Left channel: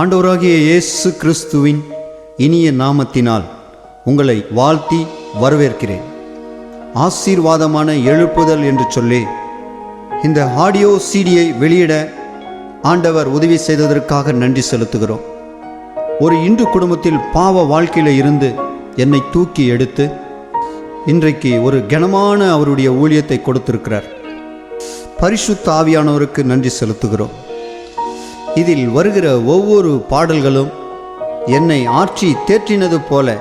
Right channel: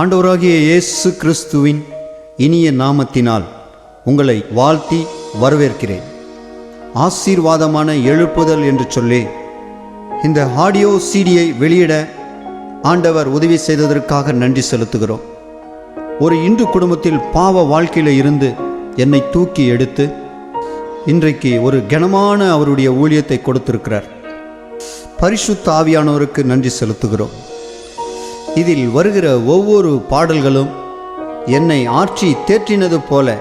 ஆண்டவராகிய இயேசு கிறிஸ்துவின் இனிய நாமத்தினால் உங்களை வாழ்த்தி வரவேற்கிறேன். ஆசீர்வாதமான எழுப்புதல் என்று சொல்லி இந்த ஆடியோ சீடியை வெளியிட ஆண்டவர் உதவி செய்ததற்காக நன்றி செலுத்துகிறோம். ஒரு இந்து குடும்பத்தில் பாவ வாழ்க்கையில் இருந்து என்னை தூக்கி எடுத்து இன்றைக்கு ஒரு கனமான அவருடைய ஊழியத்தை கொடுத்திருக்கிறார். பரிசுத்த ஆவியானவருக்கு நன்றி செலுத்துகிறோம். இதில் வருகிற ஒவ்வொரு பாடல்களும் என்னை ஆற்றி தேற்றினது போல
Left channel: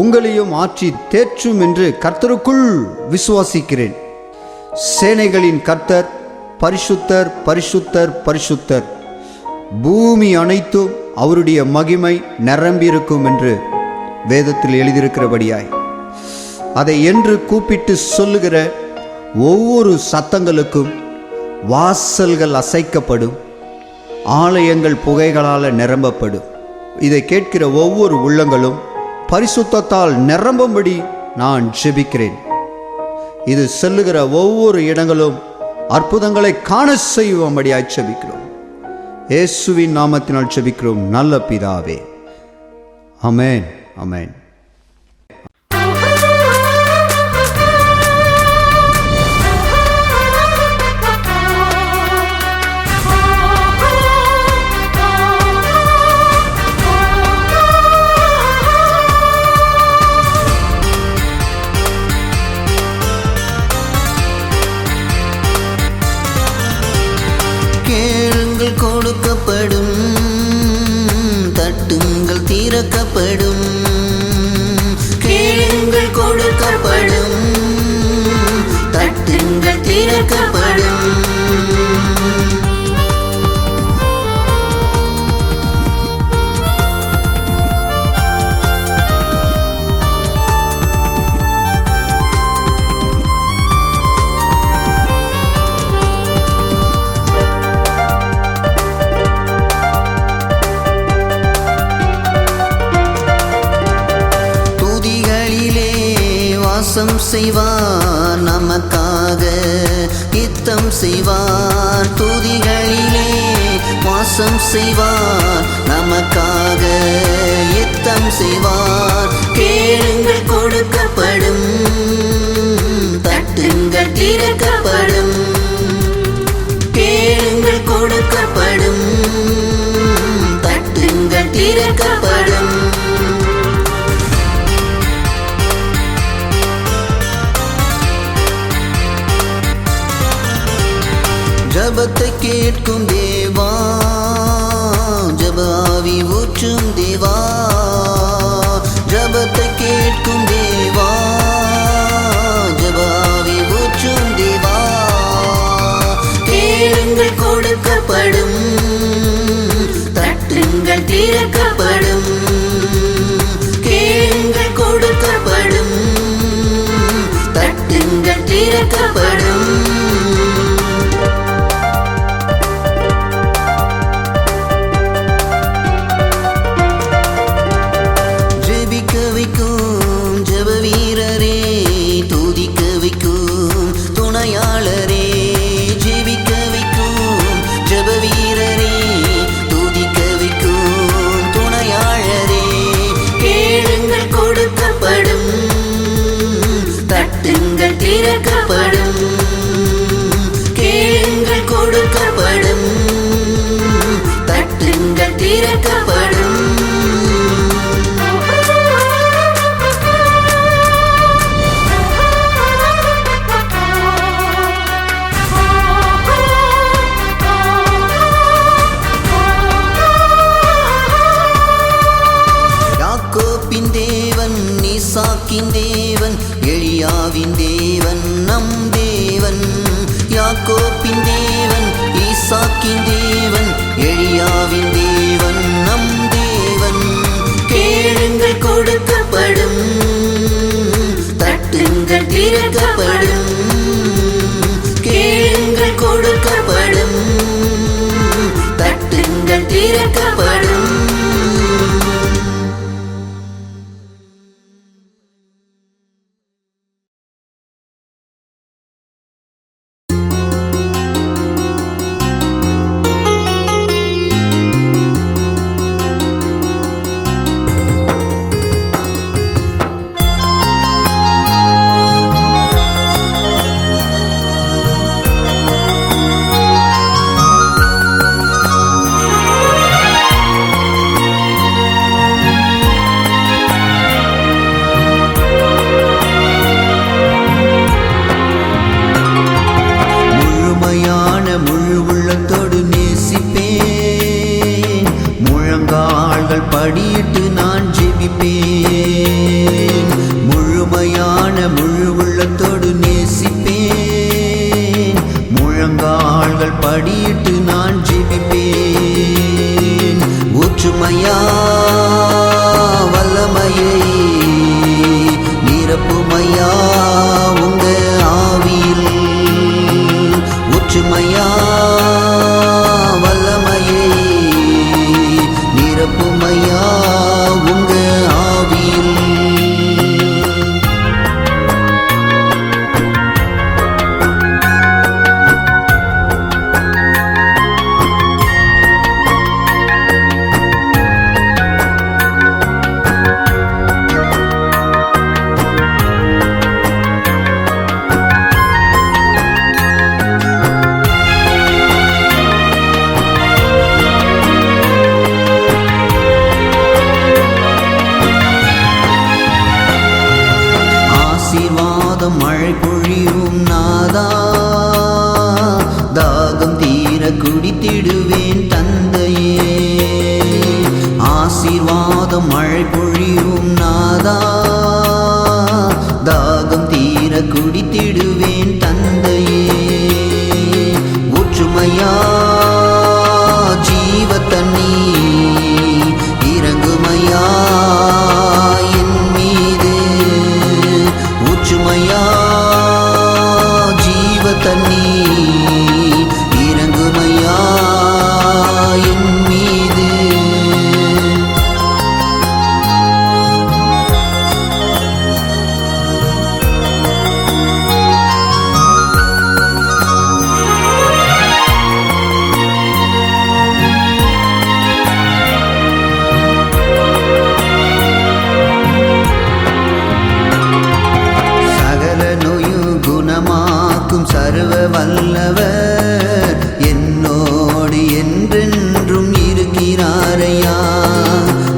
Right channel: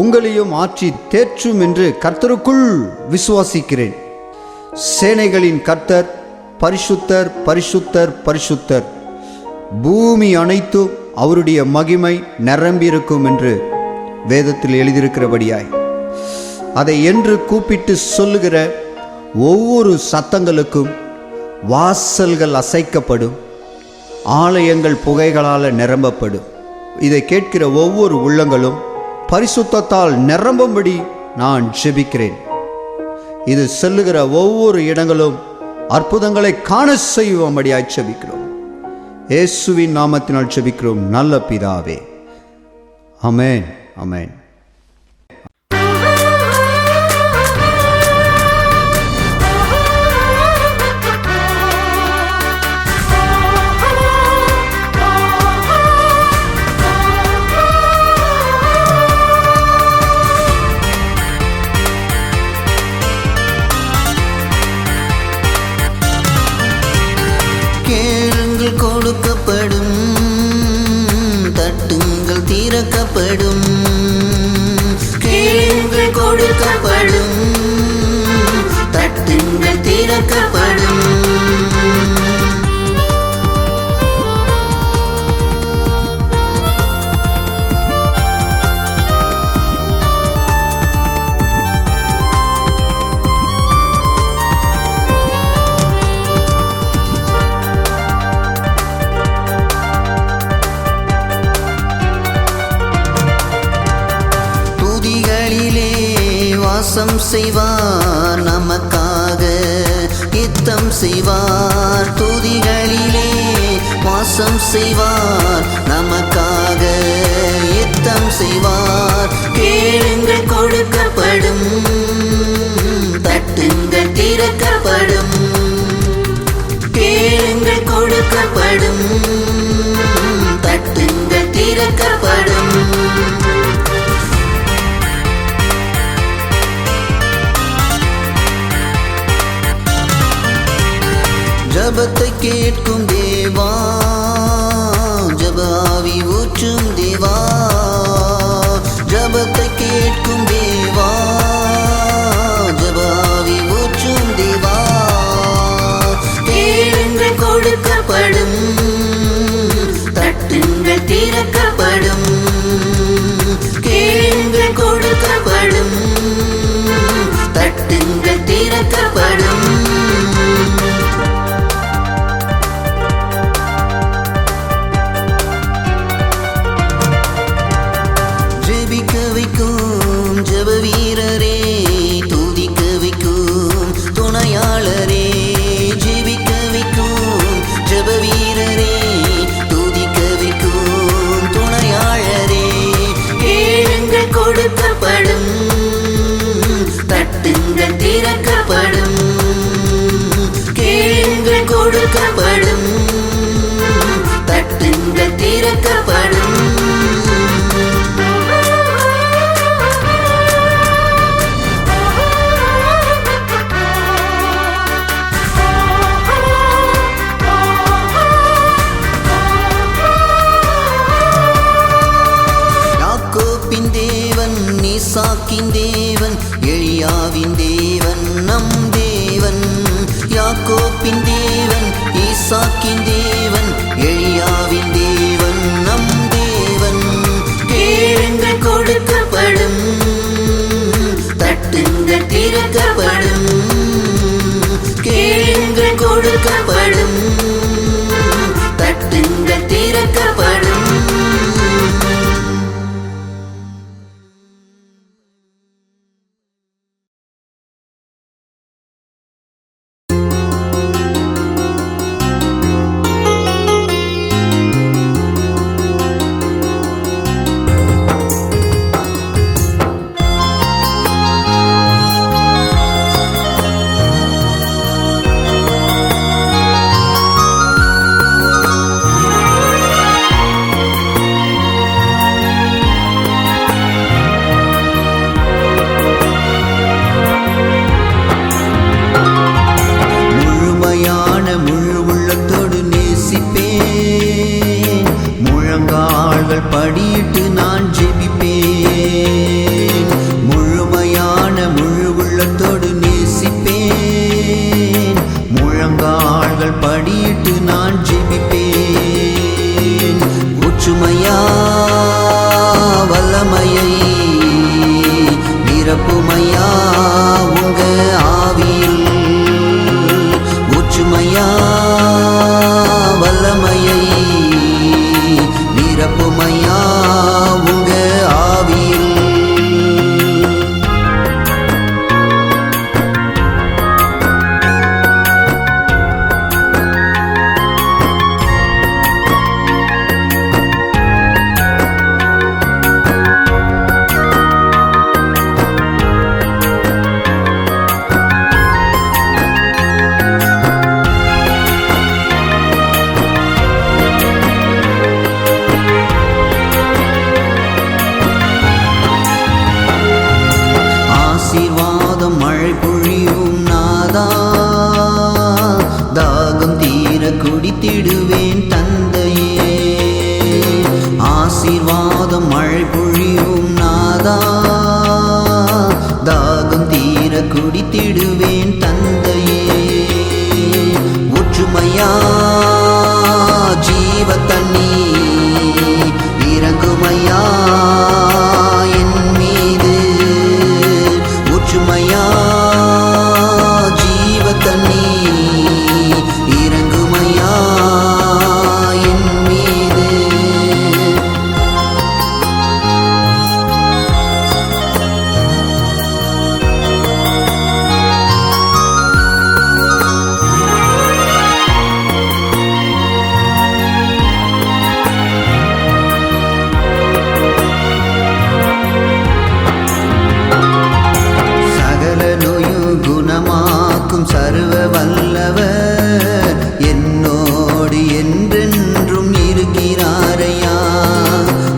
உங்களையும் ஆற்றி தேற்றும் என்று கர்த்தருக்குள் விசுவாசிக்கிறேன். சேனைகளின் கர்த்தர் பரிசுத்தர் பரிசுத்தர் பரிசுத்தர், பூமி அனைத்தும் அவருடைய மகிமை நிரம்பியிருக்கும் என்று வேதத்தில் எழுதியிருக்கிறபடியாய் அதை என்று கூப்பிட்டு சொல்லுகிற ஒவ்வொரு சத்தங்களுக்கும் வாசல்கள் அசைக்கப்படும், ஆலயங்கள் புகைகளால் நிரம்பப்படும். இதை கேட்கிற ஒவ்வொரு உள்ளங்களும் பரிசுத்தத்தால் நிரம்பும்படி நான் ஜெபிக்கிறேன். இது செல்லுகிற ஒவ்வொரு இடங்களும் அற்புதங்களை காண செய்யும்படியாய் ஜெபிக்கிறோம். இயேசுவின் நாமத்தினால் ஜெபிக்கிறோம் நல்ல பிதாவே, ஆமென் ஆமென். கேளுங்கள் கொடுக்கப்படும், தட்டுங்கள் திறக்கப்படும். கேளுங்கள் கொடுக்கப்படும், தட்டுங்கள் திறக்கப்படும். வாசம் செய்வார் நமக்காக, யுத்தம் செய்வார். துதிகளிலே வாசம் செய்வார் நமக்காக, யுத்தம் செய்வார். கேளுங்கள் கொடுக்கப்படும், தட்டுங்கள் திறக்கப்படும். கேளுங்கள் கொடுக்கப்படும், தட்டுங்கள் திறக்கப்படும். ஜபத்தை கேட்கும் தேவா, ஜப ஆவி ஊற்றும் தேவா. ஜபத்தை கேட்கும் தேவா, ஜப ஆவி ஊற்றும் தேவா. கேளுங்கள் கொடுக்கப்படும், தட்டுங்கள் திறக்கப்படும். கேளுங்கள் கொடுக்கப்படும், தட்டுங்கள் திறக்கப்படும். ஜெபிக்க வைக்கும் ஜெப வீரரே, துதிக்க வைக்கும் துணையாளரே. ஜெபிக்க வைக்கும் ஜெப வீரரே, துதிக்க வைக்கும் துணையாளரே. கேளுங்கள் கொடுக்கப்படும், தட்டுங்கள் திறக்கப்படும். கேளுங்கள் கொடுக்கப்படும், தட்டுங்கள் திறக்கப்படும். யாக்கோபின் தேவன், ஈசாக்கின் தேவன், எலியாவின் தேவன் நம் தேவன். யாக்கோபின் தேவன், ஈசாக்கின் தேவன், எலியாவின் தேவன் நம் தேவன். கேளுங்கள் கொடுக்கப்படும், தட்டுங்கள் திறக்கப்படும். கேளுங்கள் கொடுக்கப்படும், தட்டுங்கள் திறக்கப்படும். படியிட்டு நான் ஜெபிப்பேன். முழுமையான முழு உள்ளத்தோடு நேசிப்பேன். முழங்கால்கள் படியிட்டு நான் ஜெபிப்பேன். ஊற்றுமையா வல்லமையை நிரப்புமையா உங்க ஆவியில். ஊற்றுமையா வல்லமையை நிரப்புமையா உங்க ஆவியில். ஆசீர்வாதம் மழை பொழியும் நாதா, தாகம் தீர குடித்திடுவேன் தந்தையே. ஆசீர்வாதம் மழை பொழியும் நாதா, தாகம் தீர குடித்திடுவேன் தந்தையே. ஊற்றுமையா ஜீவ தண்ணி இறங்குமையா என் மீது. ஊற்றுமையா ஜீவ தண்ணி இறங்குமையா என் மீது. சகல நோயும் குணமாக்கும் சர்வ வல்லவர் என்னோடு என்றென்றும் இருக்கிறாரையா.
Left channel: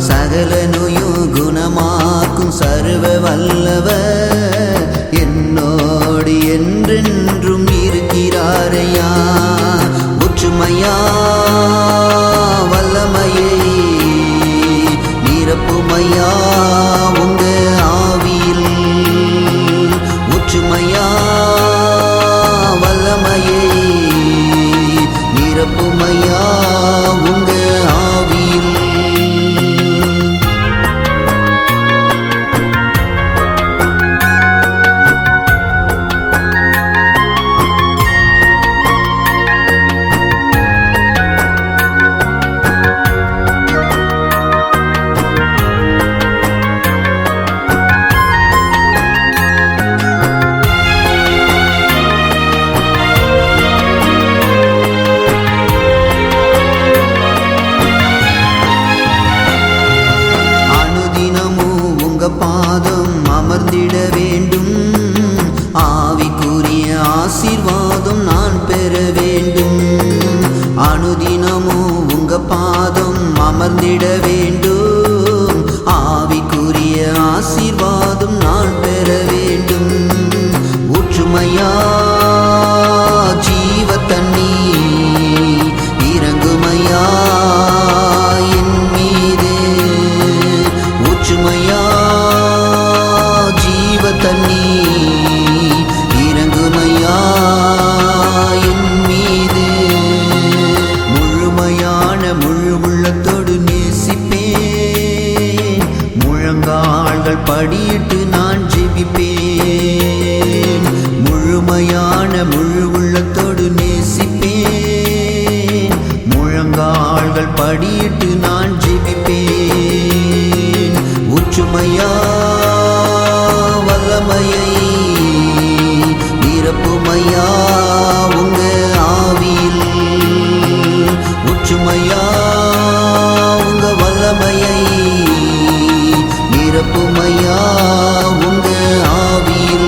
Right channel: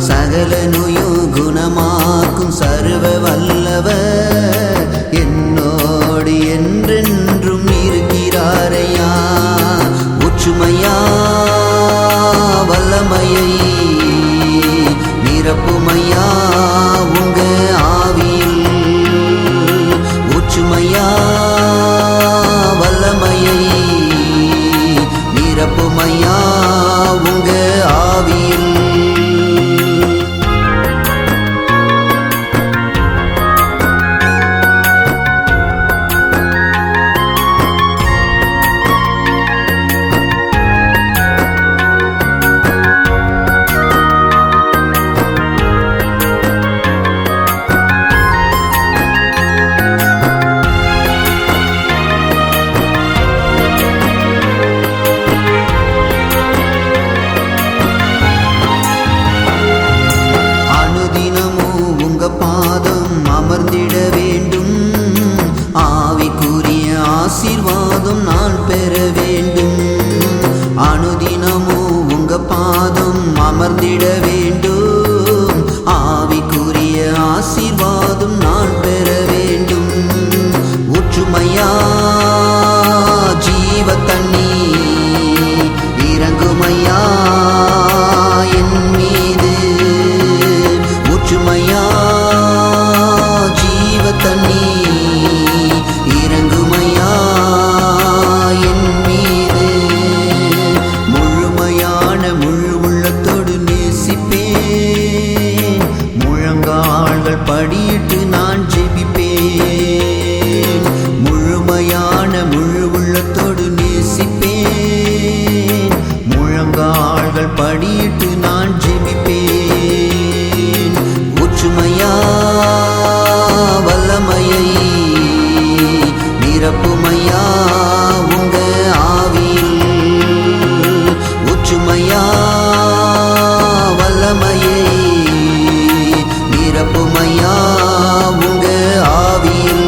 சகல நோயும் குணமாக்கும் சர்வ வல்லவர் என்னோடு என்றென்றும் இருக்கிறாரையா. ஒற்றுமையா வல்லமையை நிரப்புமையா உங்க ஆவியில். ஒற்றுமையா வல்லமையை நிரப்புமையா உங்க ஆவியில். அனுதினமும் உங்க பாதம் அமர்ந்திட வேண்டும். ஆவிக்குரிய ஆசீர்வாதம் நான் பெற வேண்டும். அனுதினமும் உங்க பாதம் அமர்ந்திட வேண்டும். ஆவிக்குரிய ஆசீர்வாதம் நான் பெற வேண்டும். ஒற்றுமையா ஜீவ தண்ணி இறங்குமையா என் மீது. ஊற்றுமையா ஜீவ தண்ணி இறங்குமையா என் மீது. முழுமையான முழு உள்ளத்தோடு நேசிப்பேன். முழங்கால்கள் படியிட்டு நான் ஜெபிப்பேன். முழுமையான முழு உள்ளத்தோடு நேசிப்பேன். முழங்கால்கள் படியிட்டு நான் ஜெபிப்பேன். ஊற்றுமையா வல்லமையை நிரப்புமையா உங்க ஆவியில். ஊற்றுமையா வல்லமையை நிரப்புமையா உங்க ஆவியில்.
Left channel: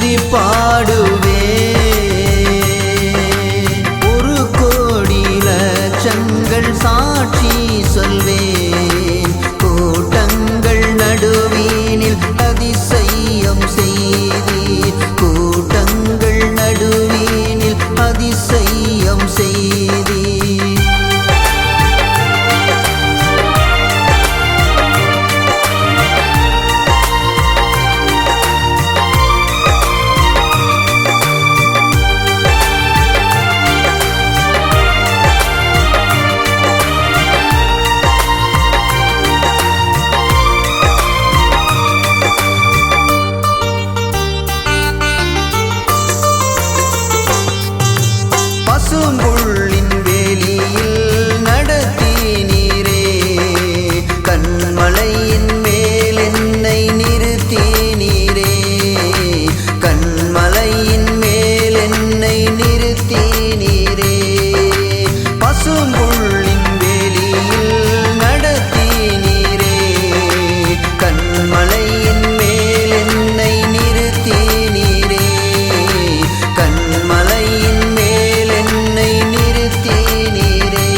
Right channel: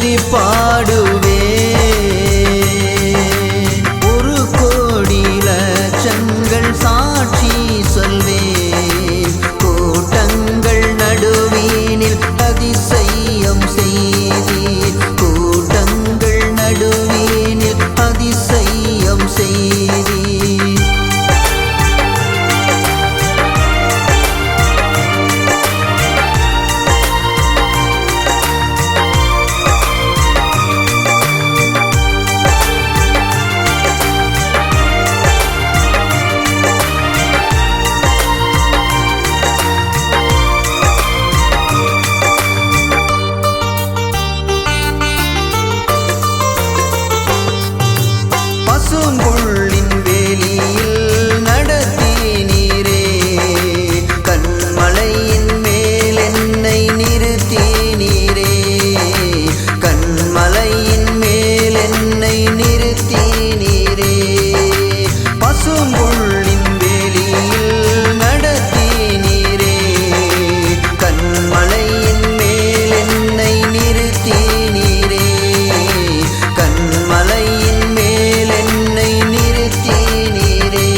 துதி பாடுவே. ஒரு கோடி லட்சங்கள் சாட்சி சொல்வேன். கூட்டங்கள் நடுவீனில் அதிசயம் செய்தீர். கூட்டங்கள் நடுவீனில் அதிசயம் செய்தீர். பசும்புள்ளின் வேலியில் நடத்தினீரே. கண்மலையின் மேல் என்னை நிறுத்தினீரே. கண்மலையின் மேல் என்னை நிறுத்தினீரே. பசும்புள்ளின் வேலியில் நடத்தினீரே. கண்மலையின் மேல் என்னை நிறுத்தினீரே. கண்மலையின் மேல் என்னை நிறுத்தினீரே.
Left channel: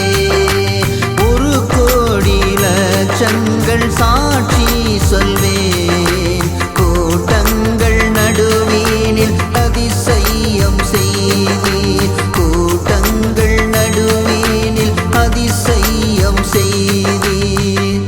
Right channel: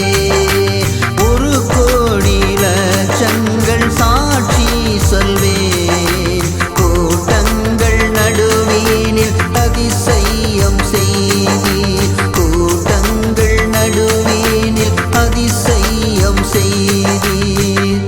ஒரு கோடி லட்சங்கள் சாட்சி சொல்வேன். கூட்டங்கள் நடுவீனில் அதிசயம் செய்தீர். கூட்டங்கள் நடுவீனில் அதிசயம் செய்தீர்.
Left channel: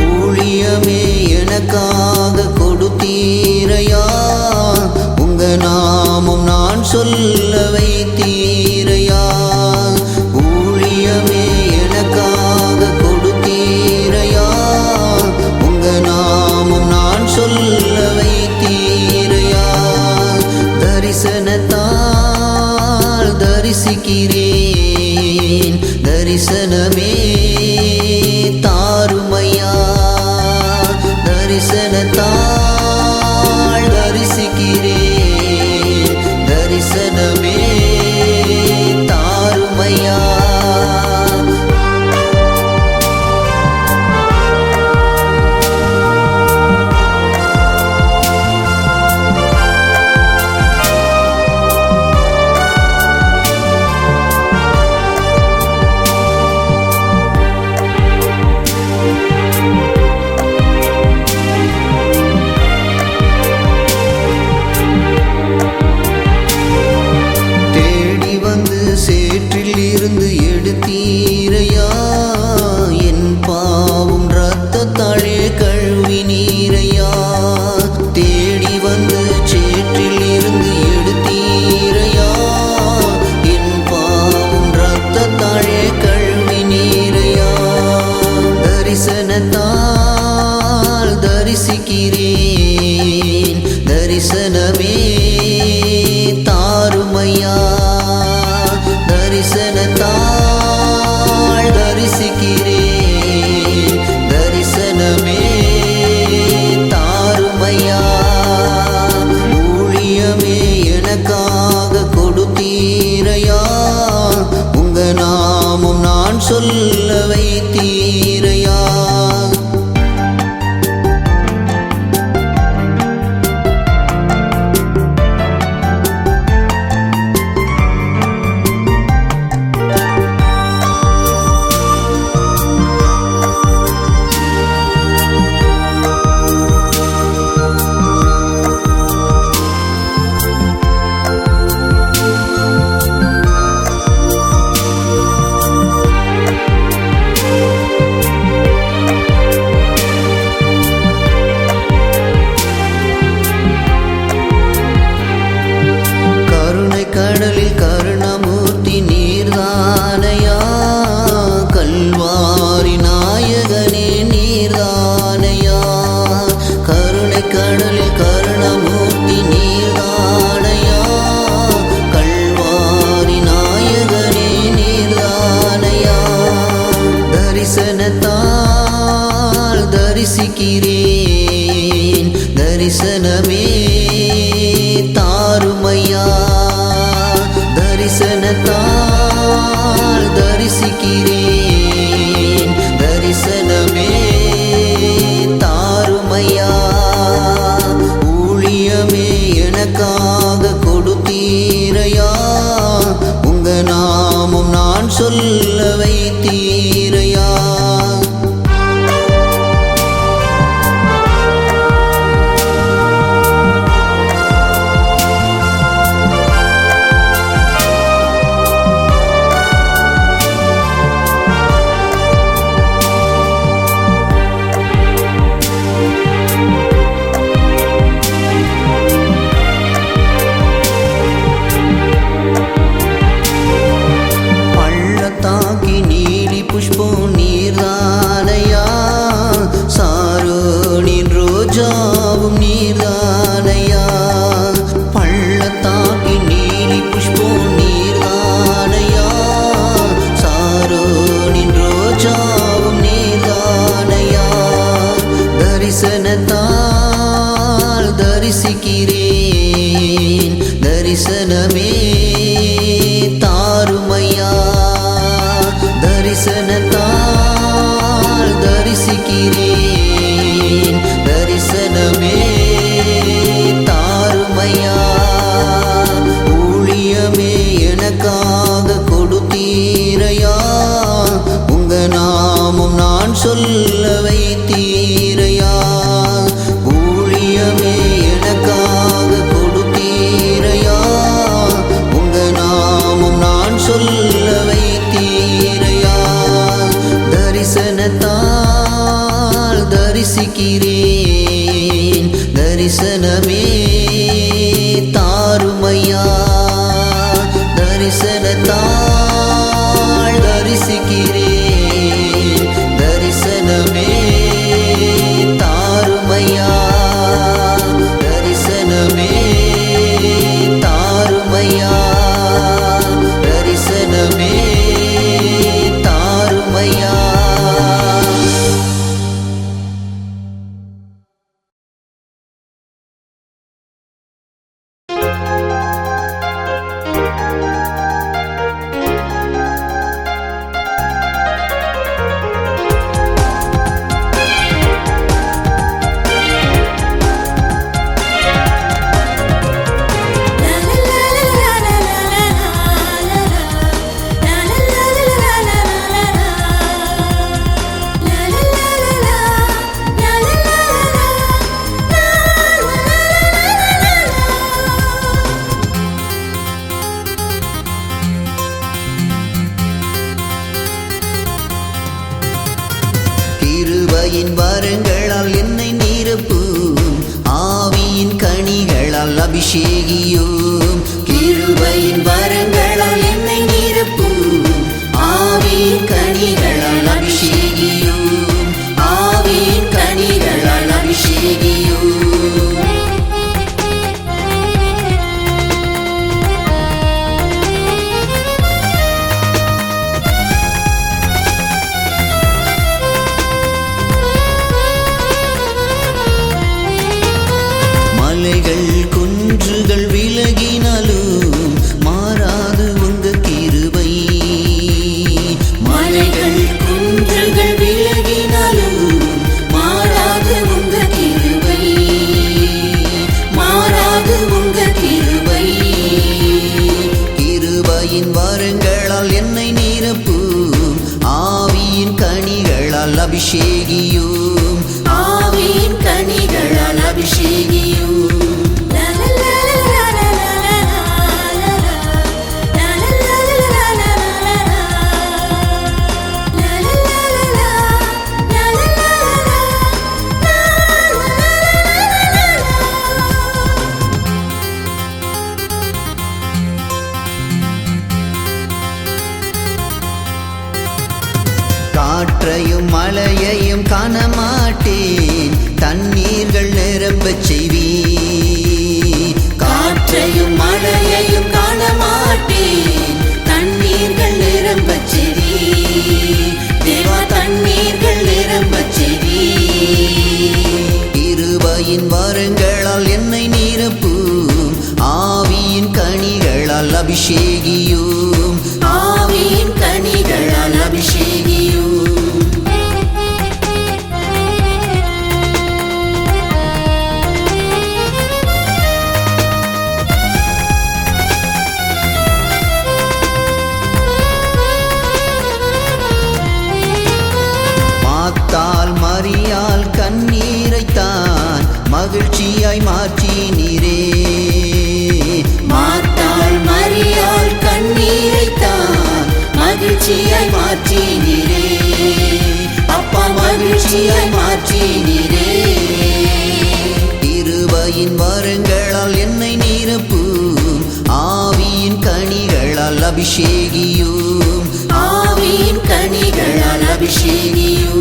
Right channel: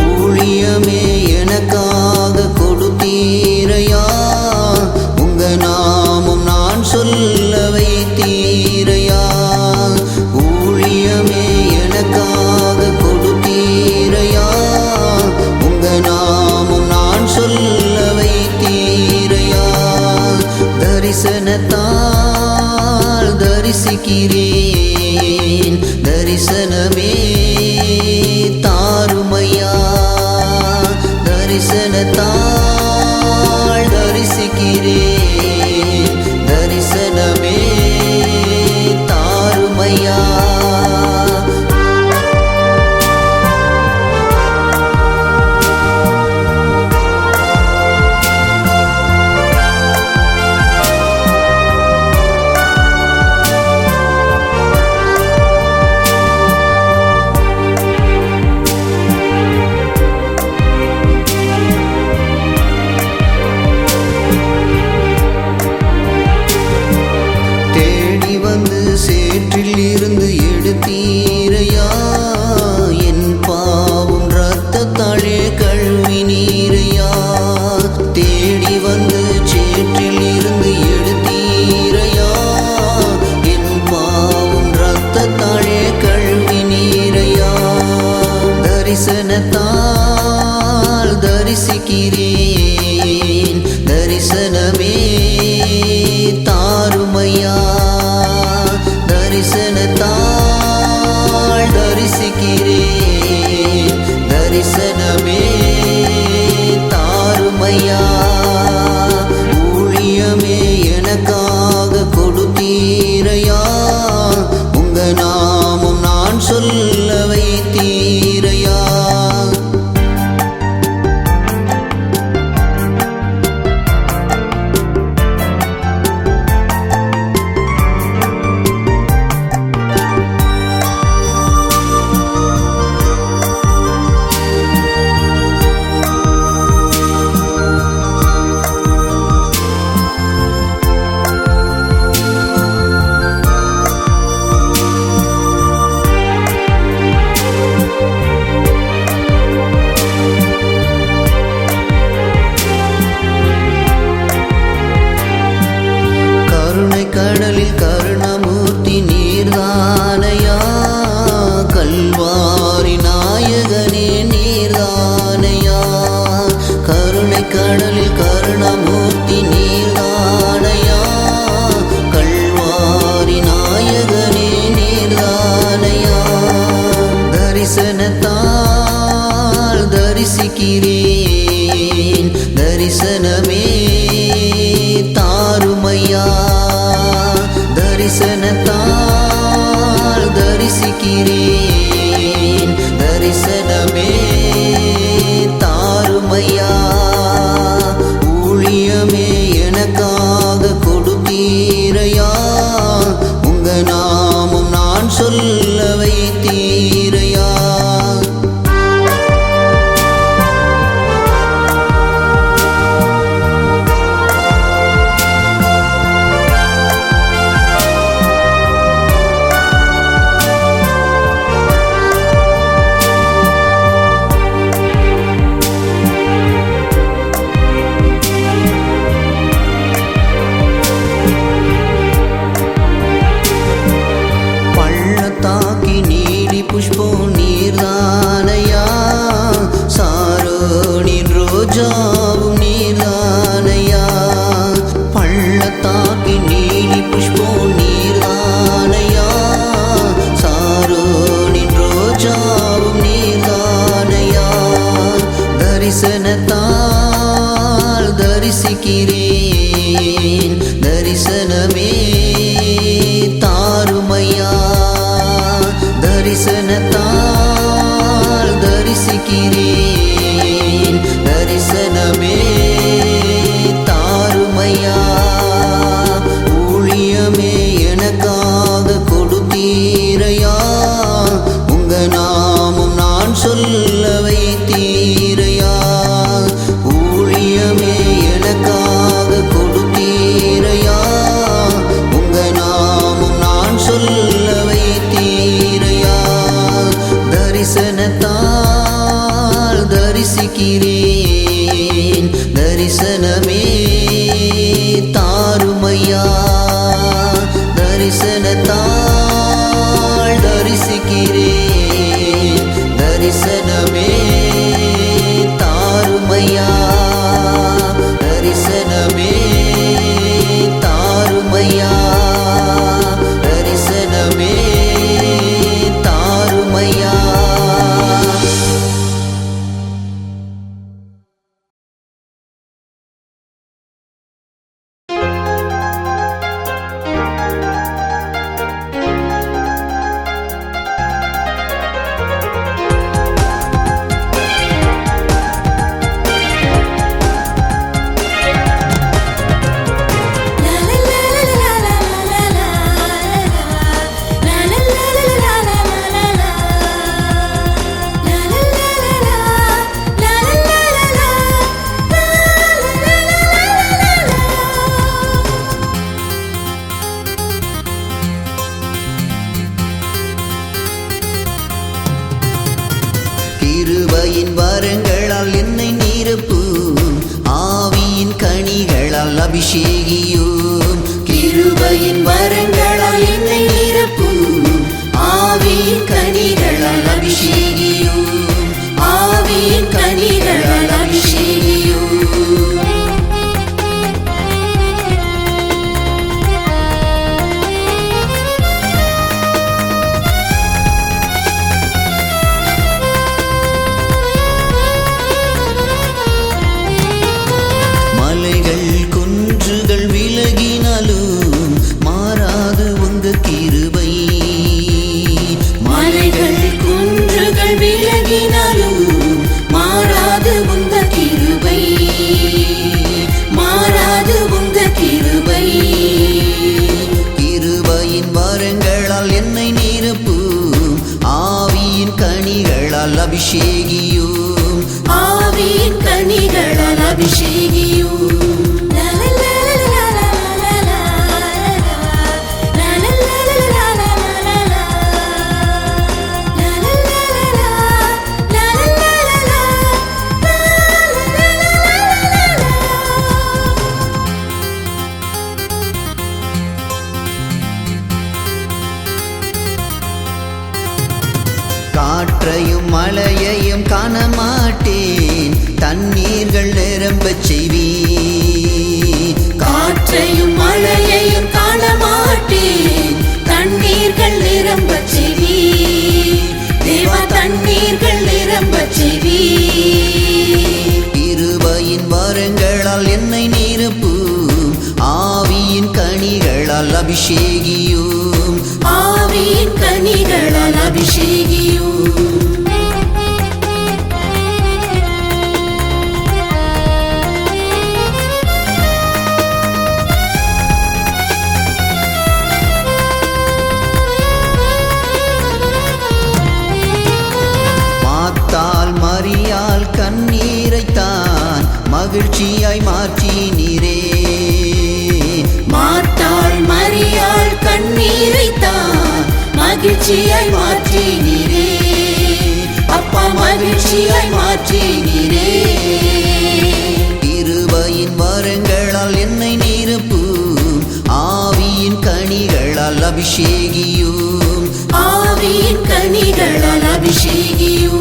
ஊழியமே எனக்காக கொடுத்தீரையா. உங்க நாமம் நான் சொல்ல வைத்தீரையா. ஊழியமே எனக்காக கொடுத்தீரையா. உங்க நாமம் நான் சொல்ல வைத்தீரையா. தரிசனத்தால் தரிசிக்கிறேன். தரிசனமே தாருமையா. தரிசனத்தால் தரிசிக்கிறேன். தரிசனமே தாருமையா. தேடி வந்து சேற்றில் இருந்து எடுத்தீரையா. என் பாவம் இரத்தத்தாலே கழுவினீரையா. தேடி வந்து சேற்றில் இருந்து எடுத்தீரையா. என் பாவம் இரத்தத்தாலே கழுவினீரையா. தரிசனத்தால் தரிசிக்கிறேன். தரிசனமே தாருமையா. தரிசனத்தால் தரிசிக்கிறேன். தரிசனமே தாருமையா. ஊழியமே எனக்காக கொடுத்தீரையா. உங்க நாமம் நான் சொல்ல வைத்தீரையா. கடலில் கருணமூர்த்தி நீர்தானையா, கல்வாரி நாயகனே நீர்தானையா. கருணை கடலில் கருணமூர்த்தி நீர்தானையா, கல்வாரி நாயகனே நீர்தானையா. தரிசனத்தால் தரிசிக்கிறேன், தரிசனமே தாருமையா. தரிசனத்தால் தரிசிக்கிறேன், தரிசனமே தாருமையா. ஊழியமே எனக்காக கொடுத்தீரையா, உங்க நாமம் நான் சொல்ல வைத்தீரையா. பள்ளத்தாக்கி நீலி புஷ்பம் நீர்தானையா, சாரோனின் ரோஜாவும் நீர்தானையா. பள்ளத்தாக்கி நீலி புஷ்பம் நீர்தானையா, சாரோனின் ரோஜாவும் நீர்தானையா. தரிசனத்தால் தரிசிக்கிறேன், தரிசனமே தாருமையா. தரிசனத்தால் தரிசிக்கிறேன், தரிசனமே தாருமையா. ஊழியமே எனக்காக கொடுத்தீரையா, உங்க நாமம் நான் சொல்ல வைத்தீரையா. ஊழியமே எனக்காக கொடுத்தீரையா, உங்க நாமம் நான் சொல்ல வைத்தீரையா. தரிசனத்தால் தரிசிக்கிறேன், தரிசனமே தாருமையா. தரிசனத்தால் தரிசிக்கிறேன், தரிசனமே தாருமையா. தரிசனமே தாருமையா, தரிசனமே தாருமையா. கிருபையின் வரங்களால் என்னை நிரப்பும், ஆவியின் கனிகளால் அபிஷேகியும். கிருபையின் வரங்களால் என்னை நிரப்பும், ஆவியின் கனிகளால் அபிஷேகியும். ஆவியின் கனிகளால் அபிஷேகியும். மலைகள் குன்றுகள் விலகினாலும் மாறாது உங்க கிருபை. மலைகள் குன்றுகள் விலகினாலும் மாறாது உங்க கிருபை, மாறாது உங்க கிருபை. கிருபையின் வரங்களால் என்னை நிரப்பும், ஆவியின் கனிகளால் அபிஷேகியும். ஆவியின் கனிகளால் அபிஷேகியும். காற்றையும் மழையையும் காண மாட்டேன், தண்ணீர்கள் நிரம்பச் செய்வீர். காற்றையும் மழையையும் காண மாட்டேன், தண்ணீர்கள் நிரம்பச் செய்வீர். தேவா, தண்ணீர்கள் நிரம்பச் செய்வீர். கிருபையின் வரங்களால் என்னை நிரப்பும், ஆவியின் கனிகளால் அபிஷேகியும். ஆவியின் கனிகளால் அபிஷேகியும். மாத்தாள் மரியாள் கண்ணீரைத்தான் மகிழ்ச்சியாய் மாற்றினீரே. மாத்தாள் மரியாள் கண்ணீரைத்தான் மகிழ்ச்சியாய் மாற்றினீரே. அப்பா, மகிழ்ச்சியாய் மாற்றினீரே. கிருபையின் வரங்களால் என்னை நிரப்பும், ஆவியின் கனிகளால் அபிஷேகியும். ஆவியின் கனிகளால் அபிஷேகியும்.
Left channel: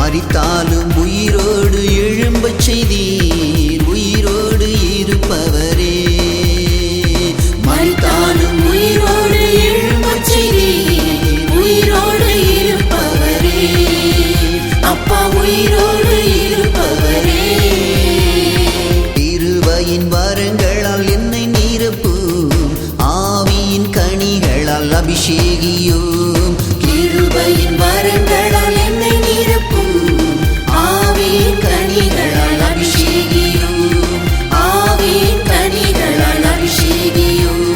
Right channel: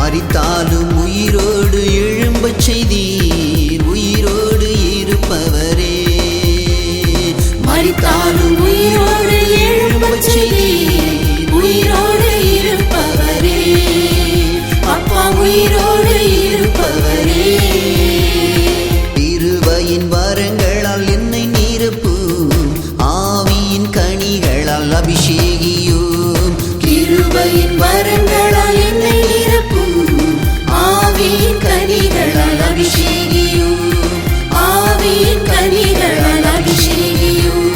மரித்தாலும் உயிரோடு எழும்பச் செய்தீர், உயிரோடு இருப்பவரே. மரித்தாலும் உயிரோடு எழும்பச் செய்தீர், உயிரோடு இருப்பவரே. அப்பா, உயிரோடு இருப்பவரே. கிருபையின் வரங்களால் என்னை நிரப்பும், ஆவியின் கனிகளால் அபிஷேகியும். கிருபையின் வரங்களால் என்னை நிரப்பும், ஆவியின் கனிகளால் அபிஷேகியும். ஆவியின் கனிகளால் அபிஷேகியும்.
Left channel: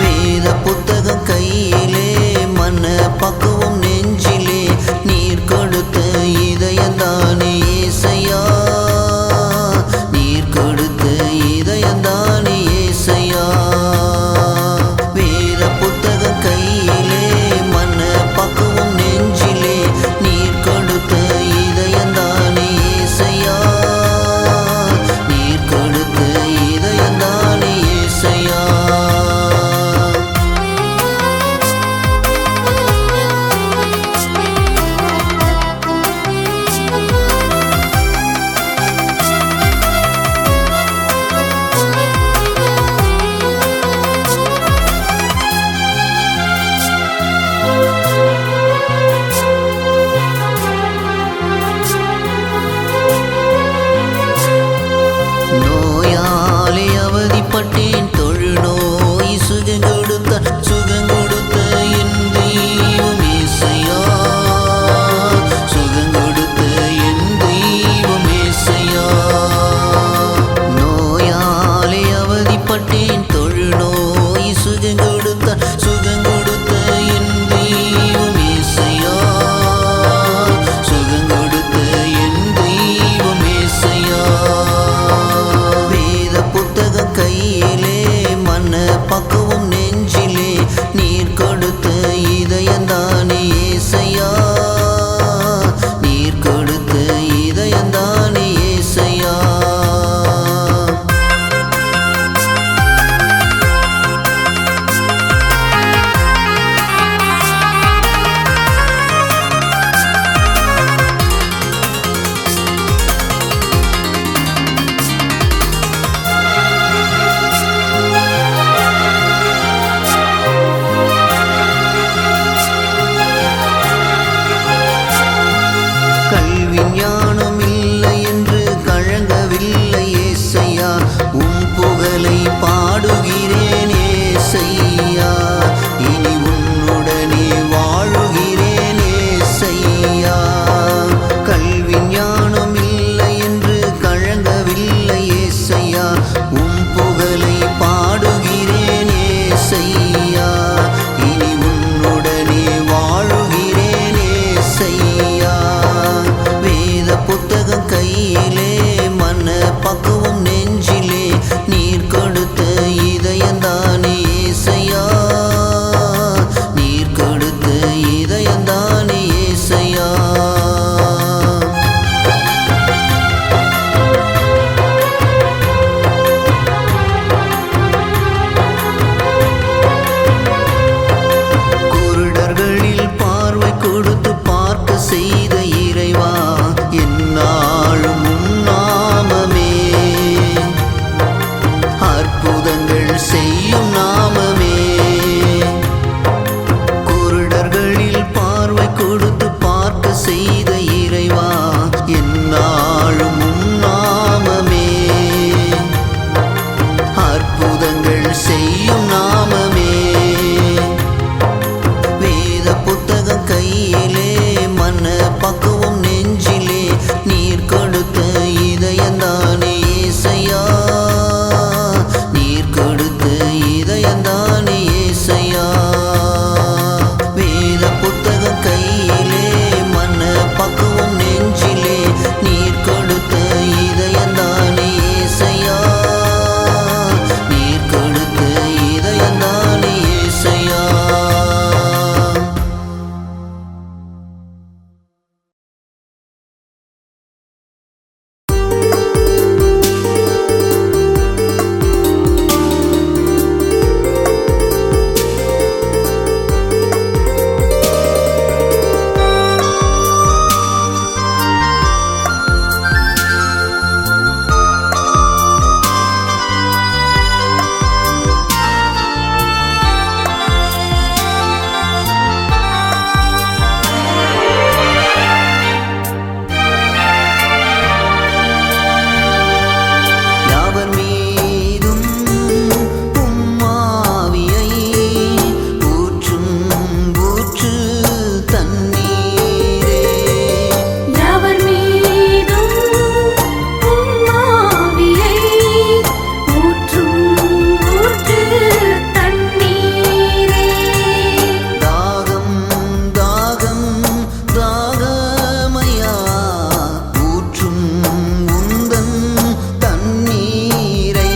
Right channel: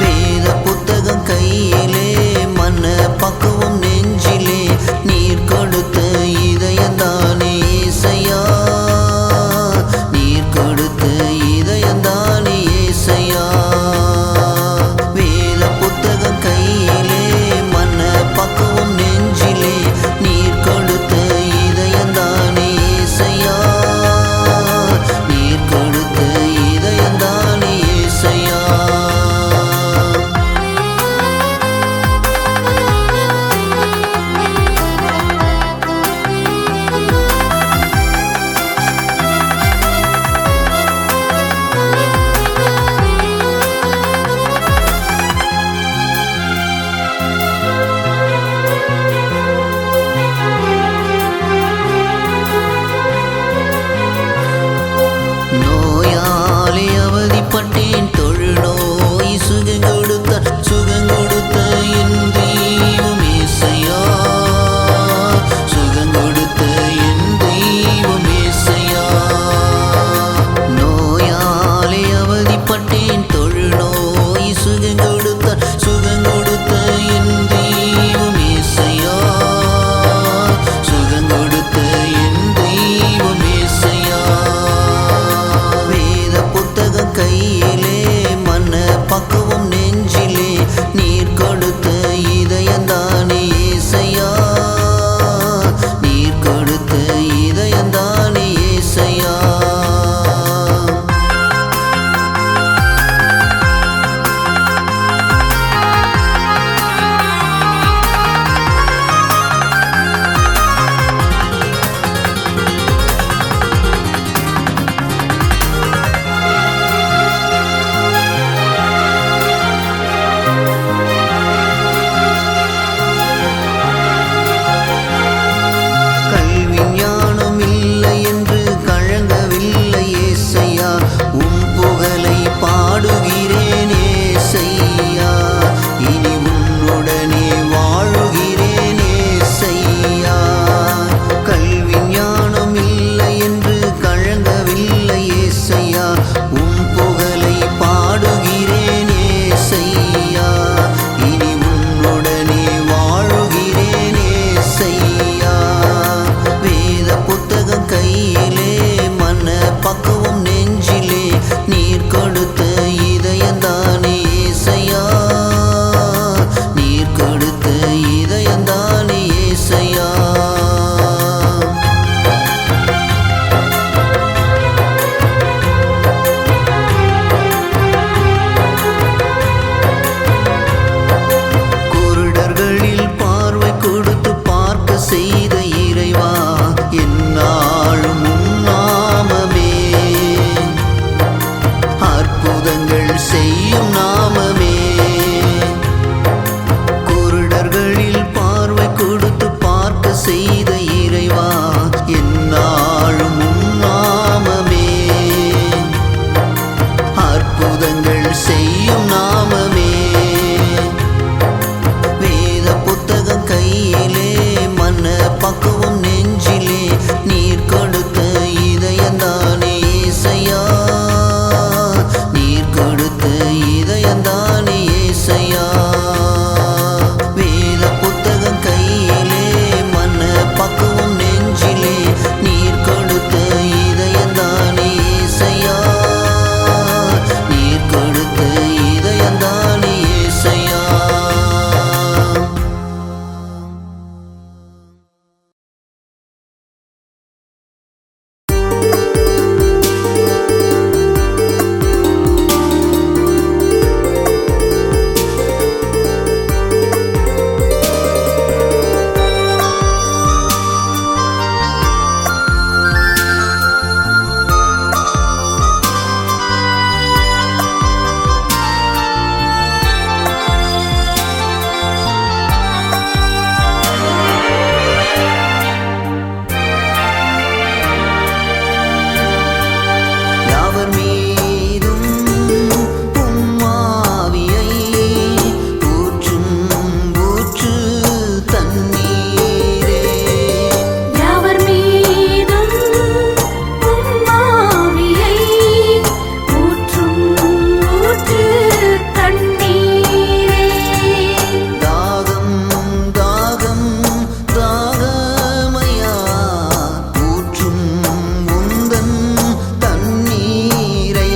வேத புத்தகம் கையிலே, மன பக்குவம் நெஞ்சிலே, நீர் கொடுத்த இதயந்தானே ஏசையா. நீர் கொடுத்த இதயந்தானே ஏசையா. வேத புத்தகம் கையிலே, மன பக்குவம் நெஞ்சிலே, நீர் கொடுத்த இதயந்தானே ஏசையா. நீர் கொடுத்த இதயந்தானே ஏசையா. நோயாலே அவதிப்பட்டேன், தொழுநோய் சுகங்கொடுத்த என் தெய்வம் ஏசையா. சுகங்கொடுத்த என் தெய்வம் ஏசையா. நோயாலே அவதிப்பட்டேன், தொழுநோய் சுகங்கொடுத்த என் தெய்வம் ஏசையா. சுகங்கொடுத்த என் தெய்வம் ஏசையா. வேத புத்தகம் கையிலே, யாவர் மீதும் உம்மாவியை ஊற்றும் ஊற்று தண்ணீரே. யாவர் மீதும் உம்மாவியை ஊற்றும் ஊற்று தண்ணீரே. தாகம் தாகம் தாகமையா ஊற்றும் உந்தன் தண்ணீரை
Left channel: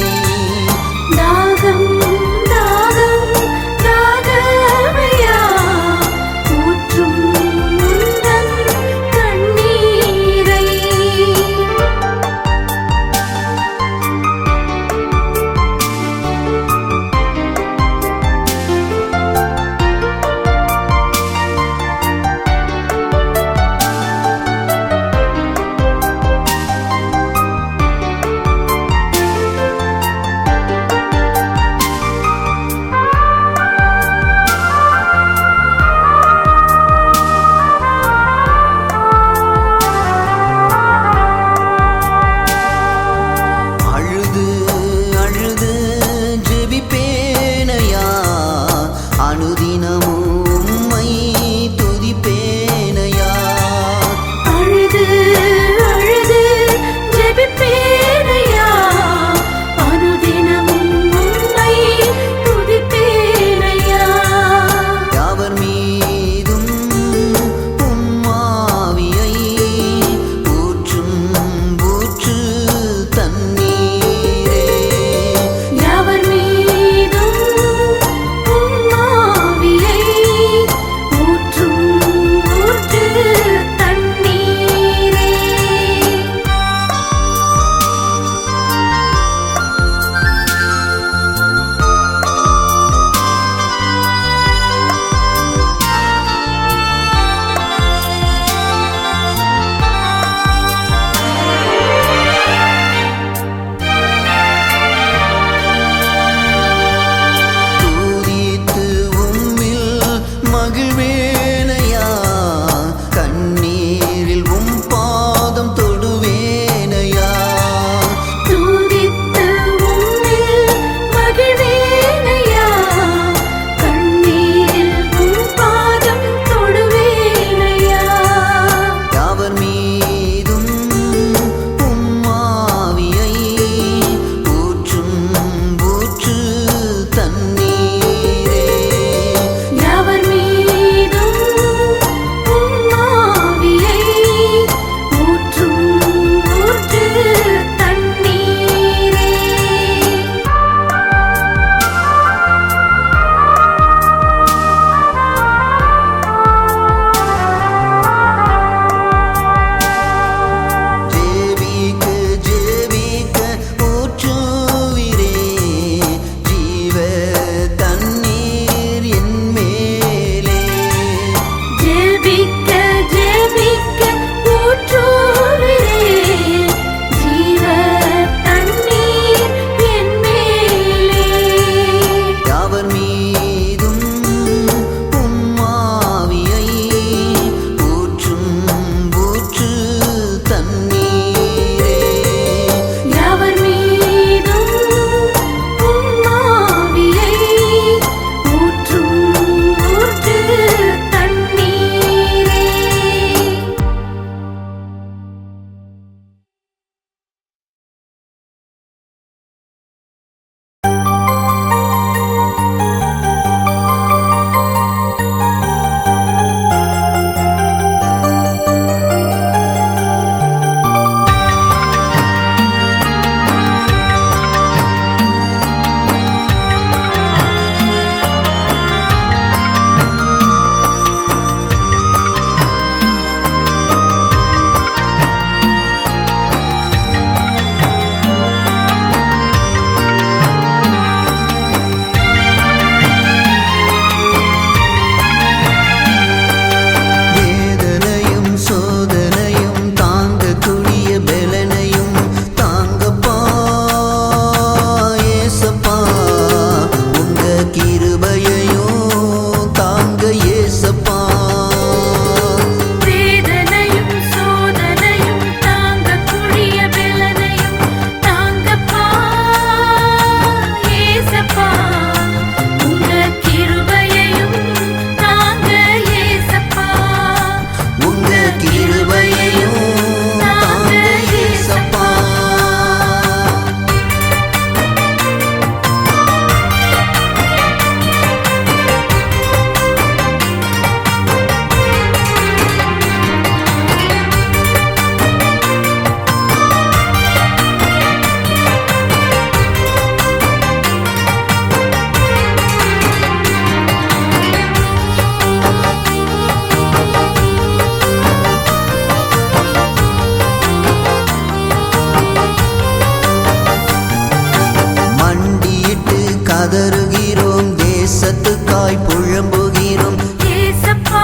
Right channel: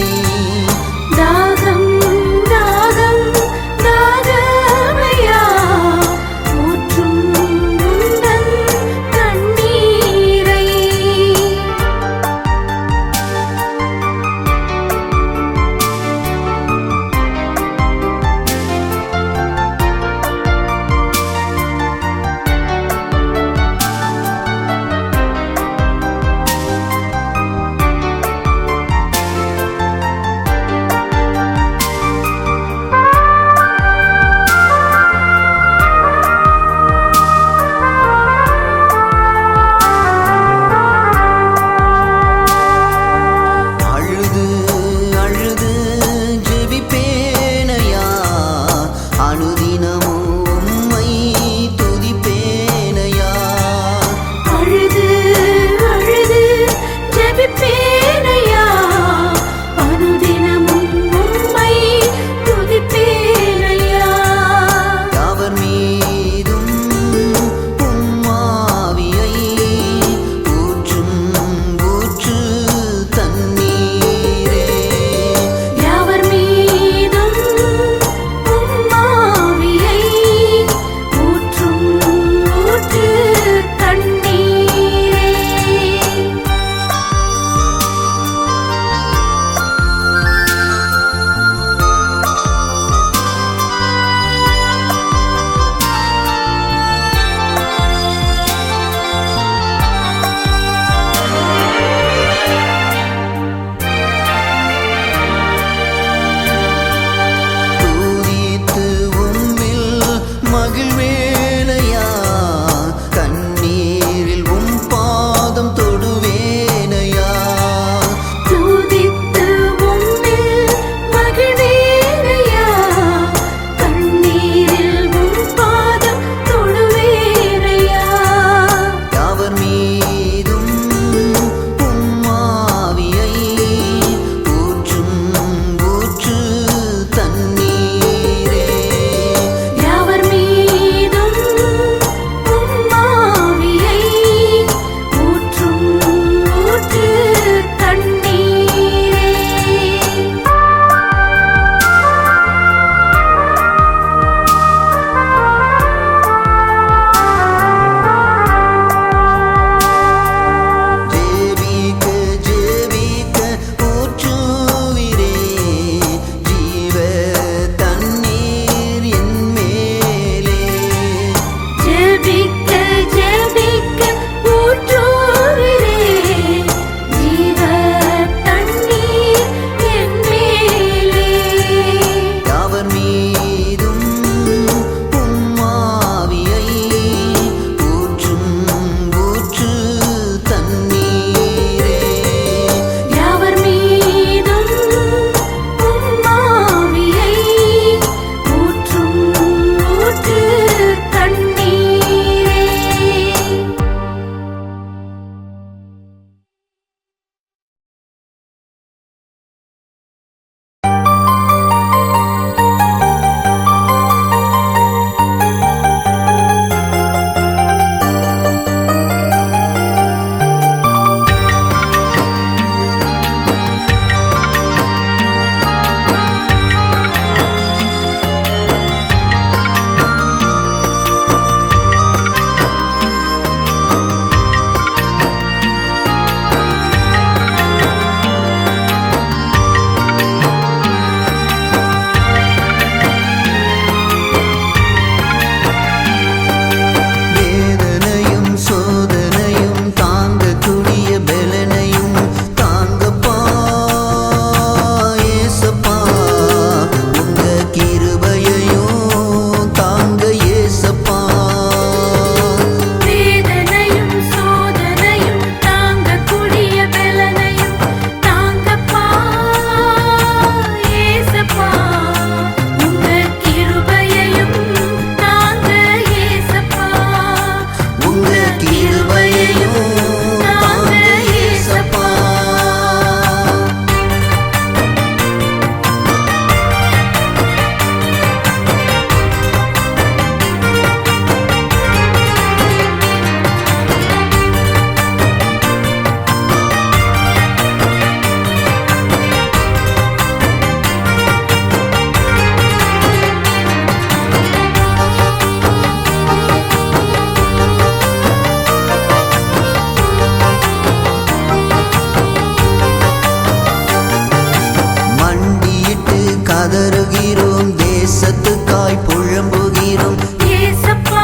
கதறுகிறோம், தேசத்துக்காய் புழம்புகிறோம். ஏசப்பா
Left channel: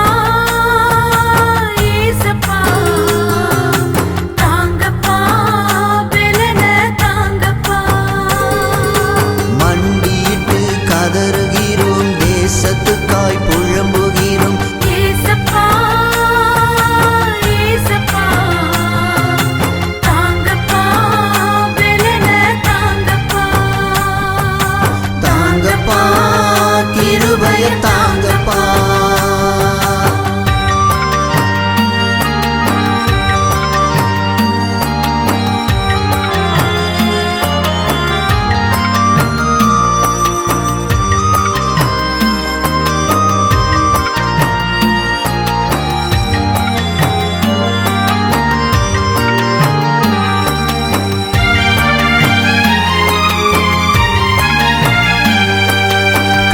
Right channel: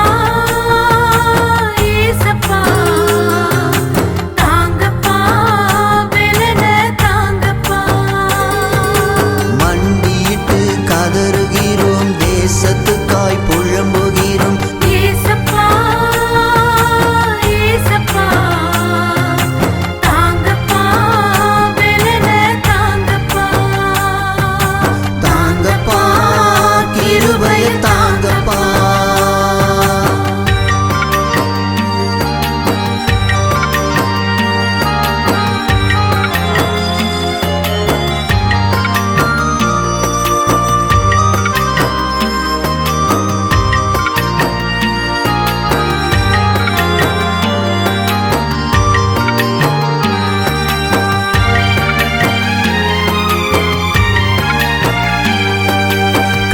ஏசப்பா தாங்கப்பா பெருக தாங்கப்பா மண்டியிட்டு கதறுகிறோம், தேசத்துக்காய் புழம்புகிறோம். ஏசப்பா ஏசப்பா தாங்கப்பா பெருக தாங்கப்பா தாங்கப்பா கிருபைய தாங்கப்பா.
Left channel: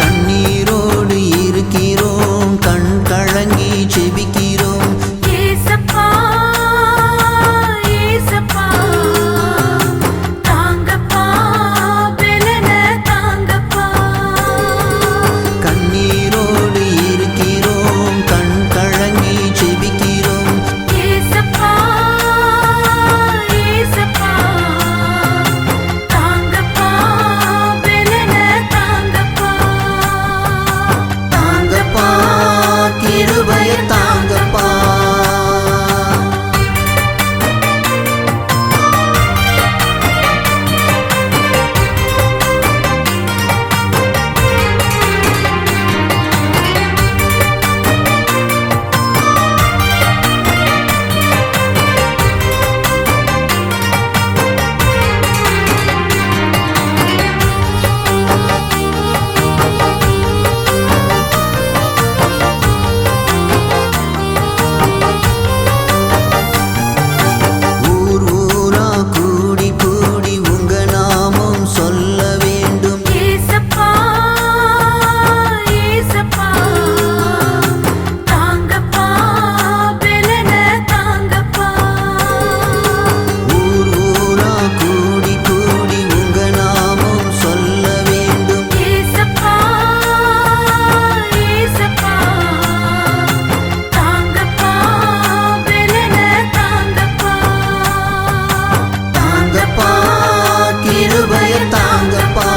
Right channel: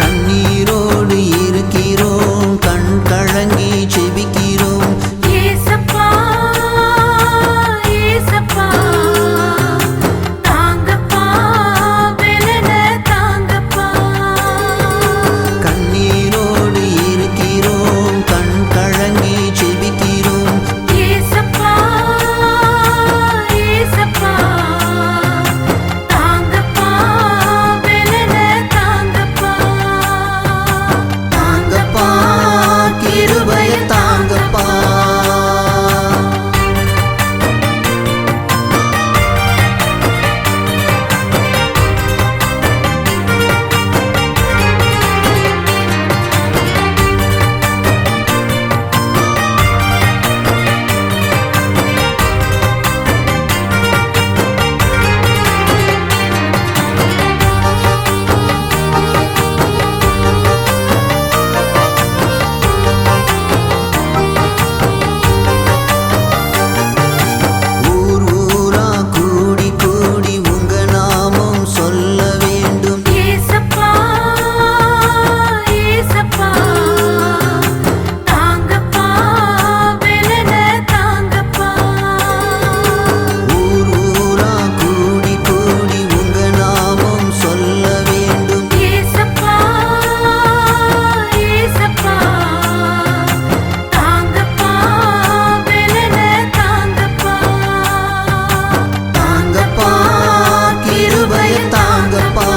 கண்ணீரோடு இருக்கிறோம், கண் கலங்கி செபிக்கிறோம். ஏசப்பா ஏசப்பா தாங்கப்பா பெருக தாங்கப்பா கண்ணீரோடு இருக்கிறோம், கண் கலங்கி செபிக்கிறோம். ஏசப்பா ஏசப்பா தாங்கப்பா பெருக தாங்கப்பா தாங்கப்பா கிருபைய தாங்கப்பா. ஊர் ஊரா கூடி கூடி உங்க நாமம் சொல்ல வேண்டும். ஏசப்பா ஏசப்பா தாங்கப்பா பெருக தாங்கப்பா ஊர் ஊரா கூடி கூடி உங்க நாமம் சொல்ல வேண்டும். ஏசப்பா ஏசப்பா தாங்கப்பா பெருக தாங்கப்பா தாங்கப்பா கிருபைய தாங்கப்பா.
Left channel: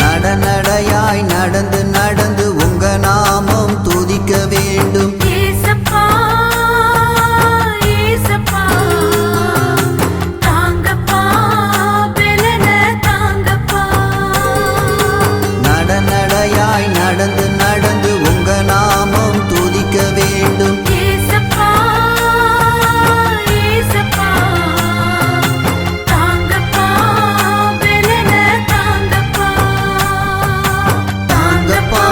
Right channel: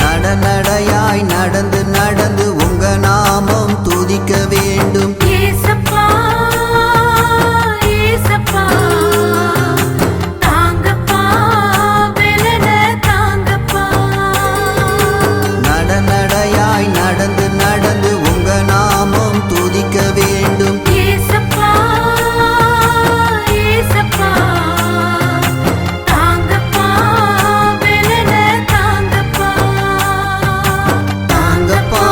நடநடையாய் நடந்து நடந்து உங்க நாமம் துதிக்க வேண்டும். ஏசப்பா ஏசப்பா தாங்கப்பா பெருக தாங்கப்பா நடநடையாய் நடந்து நடந்து உங்க நாமம் துதிக்க வேண்டும். ஏசப்பா ஏசப்பா தாங்கப்பா பெருக தாங்கப்பா தாங்கப்பா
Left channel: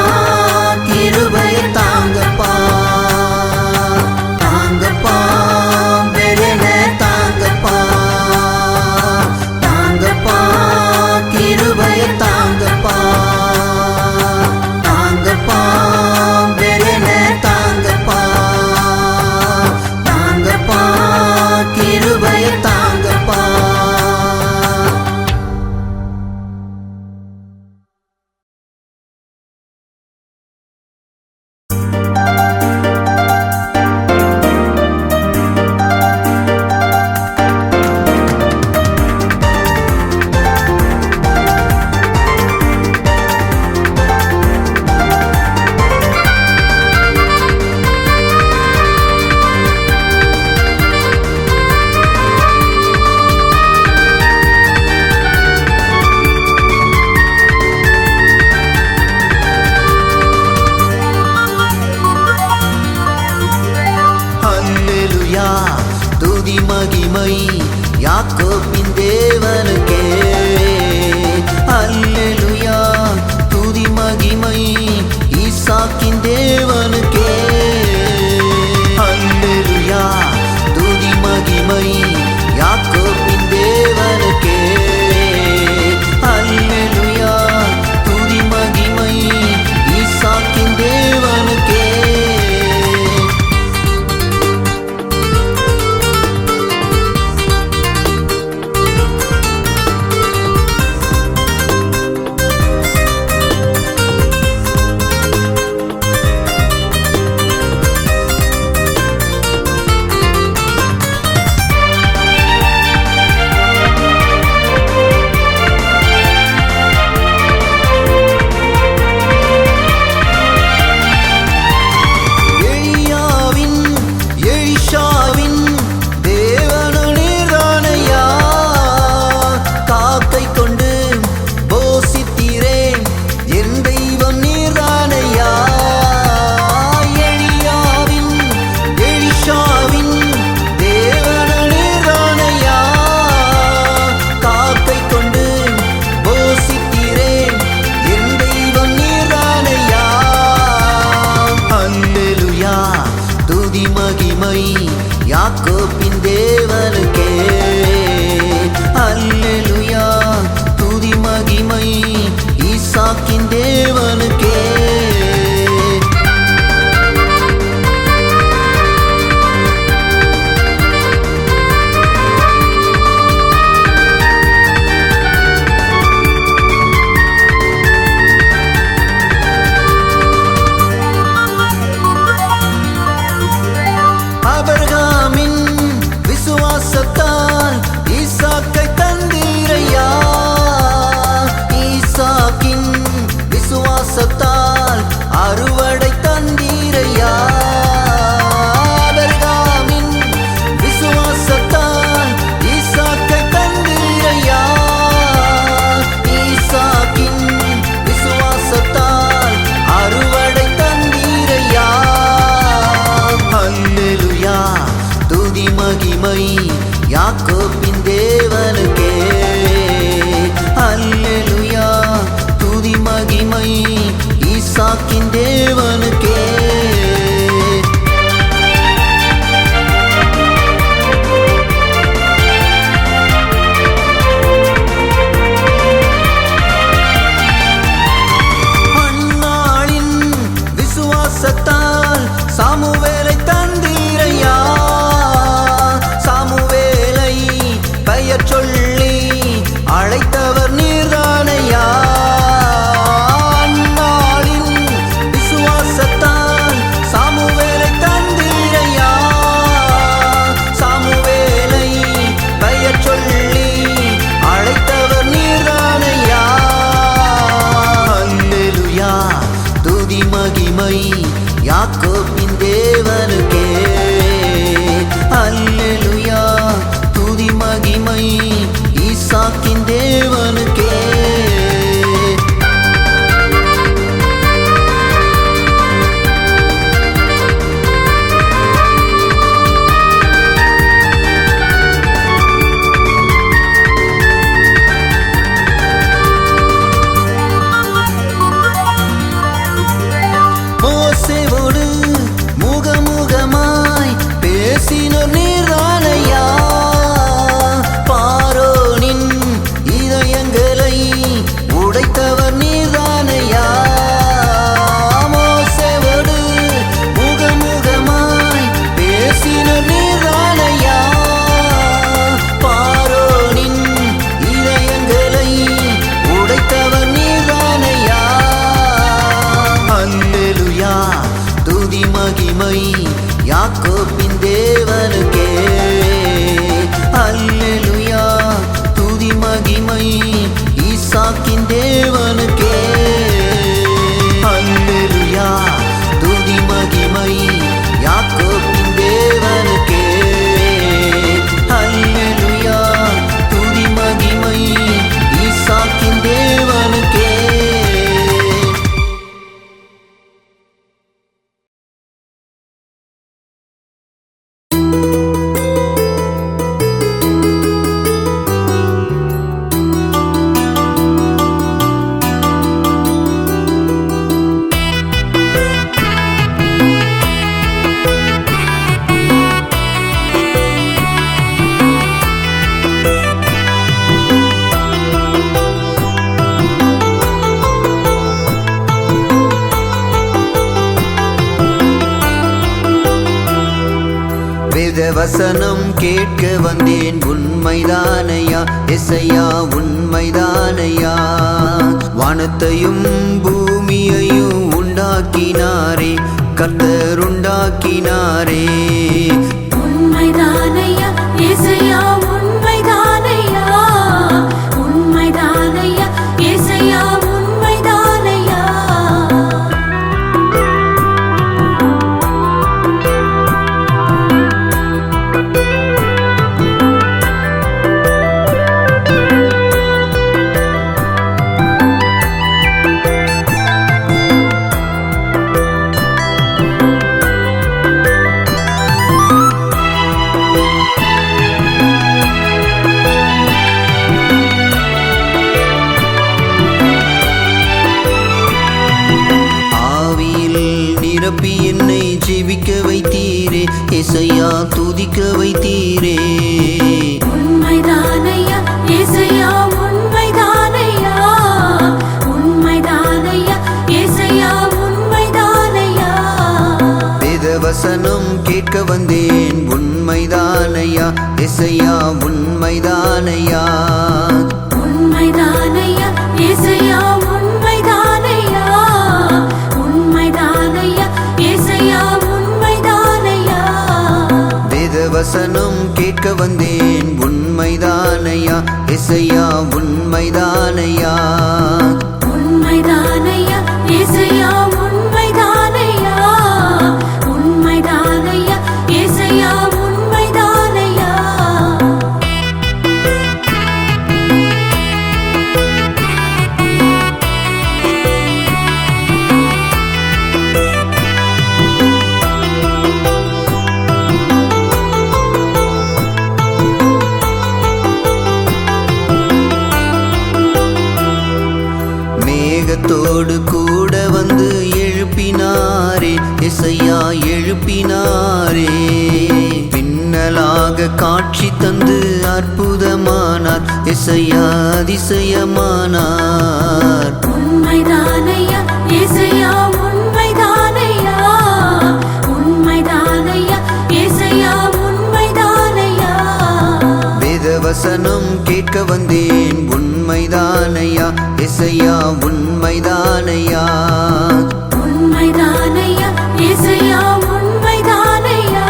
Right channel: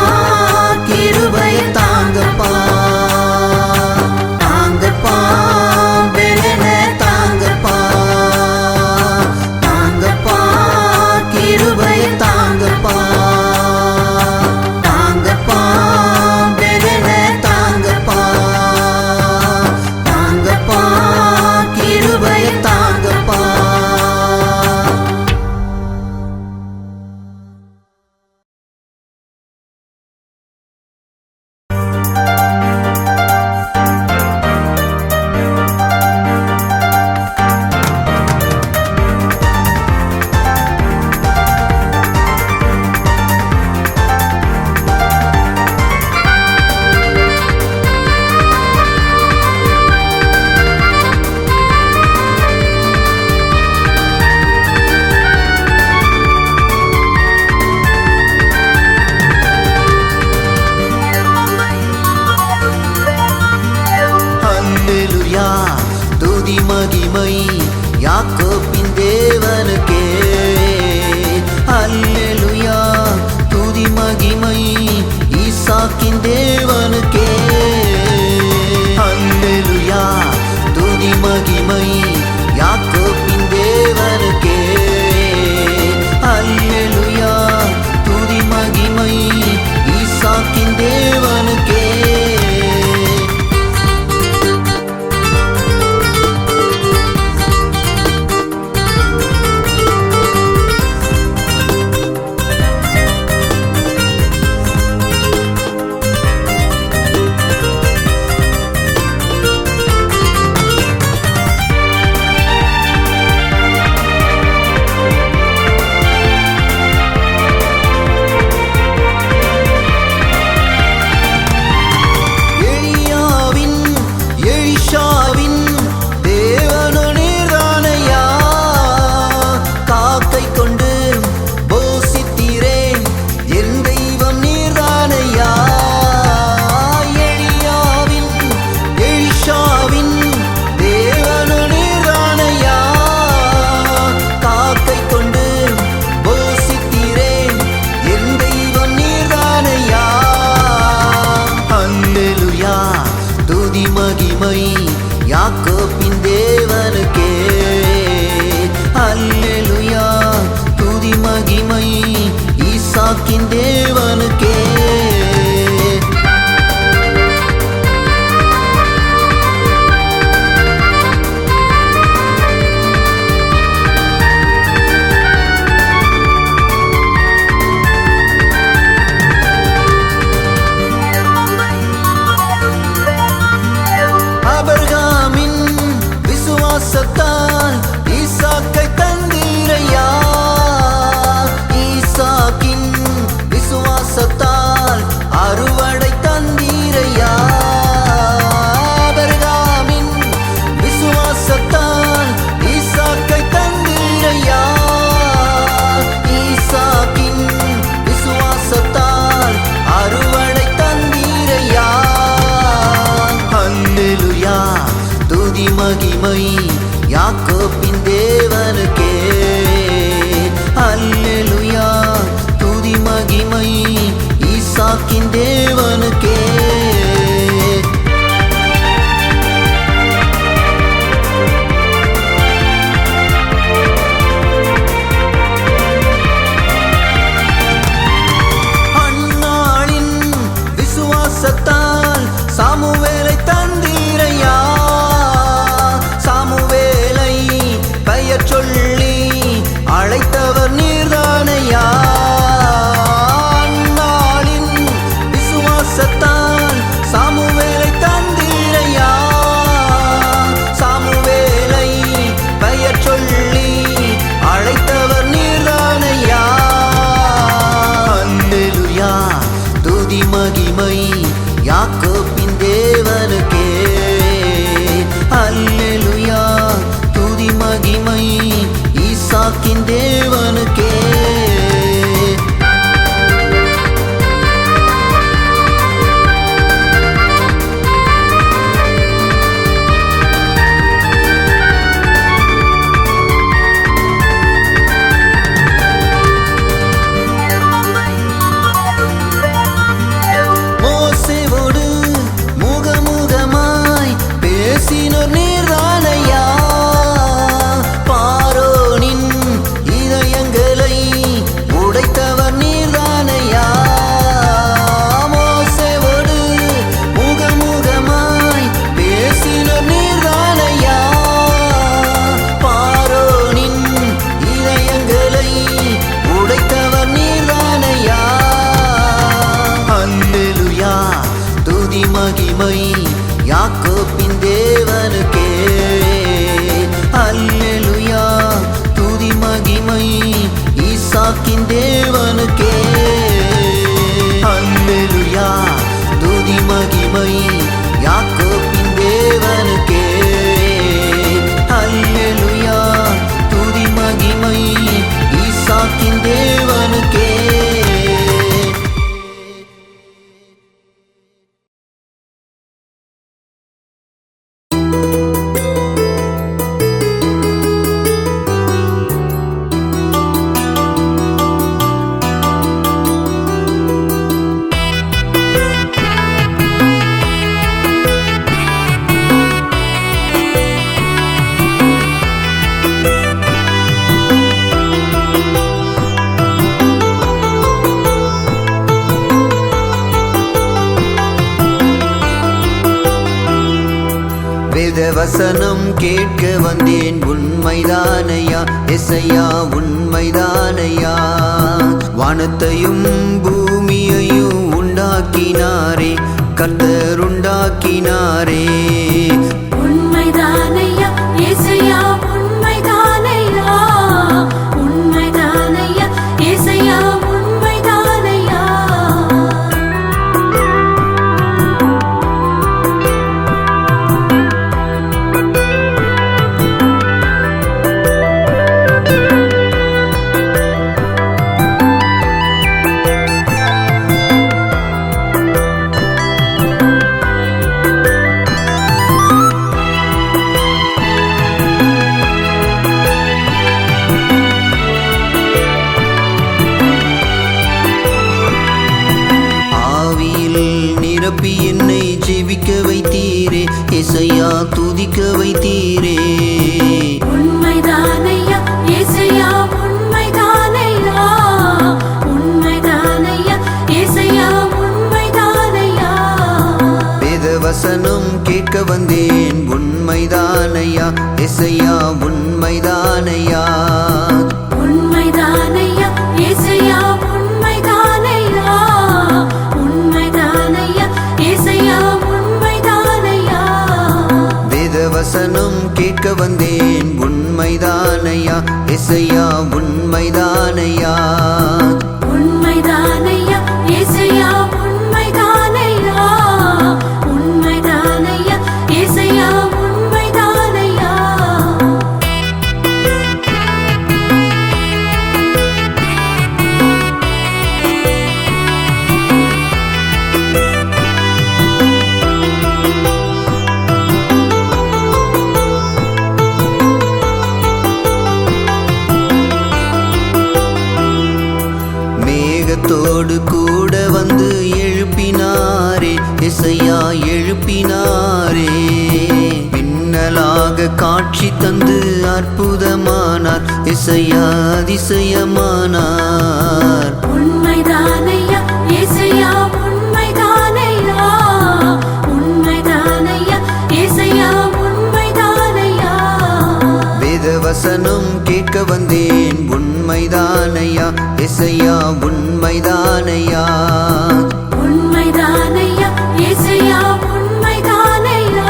கிருபைய தாங்கப்பா. தாங்கப்பா பெலன தாங்கப்பா. தாங்கப்பா கிருபைய தாங்கப்பா. தாங்கப்பா பெலன தாங்கப்பா. தாங்கப்பா கிருபைய தாங்கப்பா. அல்லேலூயா துதி மகிமை யாக்கோபின் தேவனுக்கே. அல்லேலூயா துதி மகிமை ஈசாக்கின் ஈசாக்கின் தேவனுக்கே. எலிஷாவின் தேவனு நீர்தானையா, காக்கை கொண்டு போசித்தீரே என் தெய்வம் நீர்தானையா. எலிஷாவின் தேவனு நீர்தானையா, காக்கை கொண்டு போசித்தீரே என் தெய்வம் நீர்தானையா. அல்லேலூயா துதி மகிமை யாக்கோபின் தேவனுக்கே. அல்லேலூயா துதி மகிமை ஈசாக்கின் தேவனுக்கே. ஆபிரகாமின் விசுவாசத்தால் ஈசாக்கை தந்தீரையா, ஈசாக்கின் விசுவாசத்தால் அறுவடை தந்தீரையா. ஆபிரகாமின் விசுவாசத்தால் ஈசாக்கை தந்தீரையா, ஈசாக்கின் விசுவாசத்தால் அறுவடை தந்தீரையா. அல்லேலூயா துதி மகிமை யாக்கோபின் தேவனுக்கே. அல்லேலூயா துதி மகிமை ஈசாக்கின் தேவனுக்கே. அன்னாளின் விசுவாசத்தால் சாமுவேலை தந்தீரையா, சாமுவேலை பெயர் சொல்லி அழைத்தவர் நீர்தானையா. அன்னாளின் விசுவாசத்தால் சாமுவேலை தந்தீரையா, சாமுவேலை பெயர் சொல்லி அழைத்தவர் நீர்தானையா. அல்லேலூயா துதி மகிமை யாக்கோபின் தேவனுக்கே. அல்லேலூயா துதி மகிமை ஈசாக்கின் தேவனுக்கே. மோசேவோடு முகமுகமாய் பேசினோர் நீர்தானையா, பார்வோனின் இதயங்களை உடைத்தவர் நீர்தானையா. மோசேவோடு முகமுகமாய் பேசினோர் நீர்தானையா, பார்வோனின் இதயங்களை உடைத்தவர் நீர்தானையா. அல்லேலூயா துதி மகிமை யாக்கோபின் தேவனுக்கே. அல்லேலூயா துதி மகிமை ஈசாக்கின் தேவனுக்கே. அல்லேலூயா துதி மகிமை யாக்கோபின் தேவனுக்கே. அல்லேலூயா துதி மகிமை ஈசாக்கின் தேவனுக்கே. வேதவசனம் கேட்க வந்தேன் உண்மைதானையா எசையா உண்மைதானையா. வானத்தையும் பூமியையும் உண்டாக்கினாரே கர்த்தர் உண்டாக்கினாரே. உண்மைதானையா இயேசையா உண்மைதானையா உண்மைதானையா இயேசையா உண்மைதானையா. ஆவியில் நிரப்பி என்னை ஜெபிக்க வைத்தீரே எசையா துதிக்க வைத்தீரே. உண்மைதானையா இயேசையா உண்மைதானையா உண்மைதானையா இயேசையா உண்மைதானையா. வேதவசனம் கேட்க வந்தேன் உண்மைதானையா எசையா உண்மைதானையா. உண்மைதானையா இயேசையா உண்மைதானையா உண்மைதானையா இயேசையா உண்மைதானையா. வேதவசனம் கேட்க வந்தேன் உண்மைதானையா எசையா உண்மைதானையா. உண்மைதானையா இயேசையா உண்மைதானையா உண்மைதானையா இயேசையா உண்மைதானையா. மேகத்தோடு கூட வந்து எழுப்பினாரே எசையா எழுப்பினாரே. மின்னலாக காட்சி தந்து அற்புதமானார் எசையா அதிசயமானார். உண்மைதானையா இயேசையா உண்மைதானையா உண்மைதானையா இயேசையா உண்மைதானையா. வேதவசனம் கேட்க வந்தேன் உண்மைதானையா எசையா உண்மைதானையா. உண்மைதானையா இயேசையா உண்மைதானையா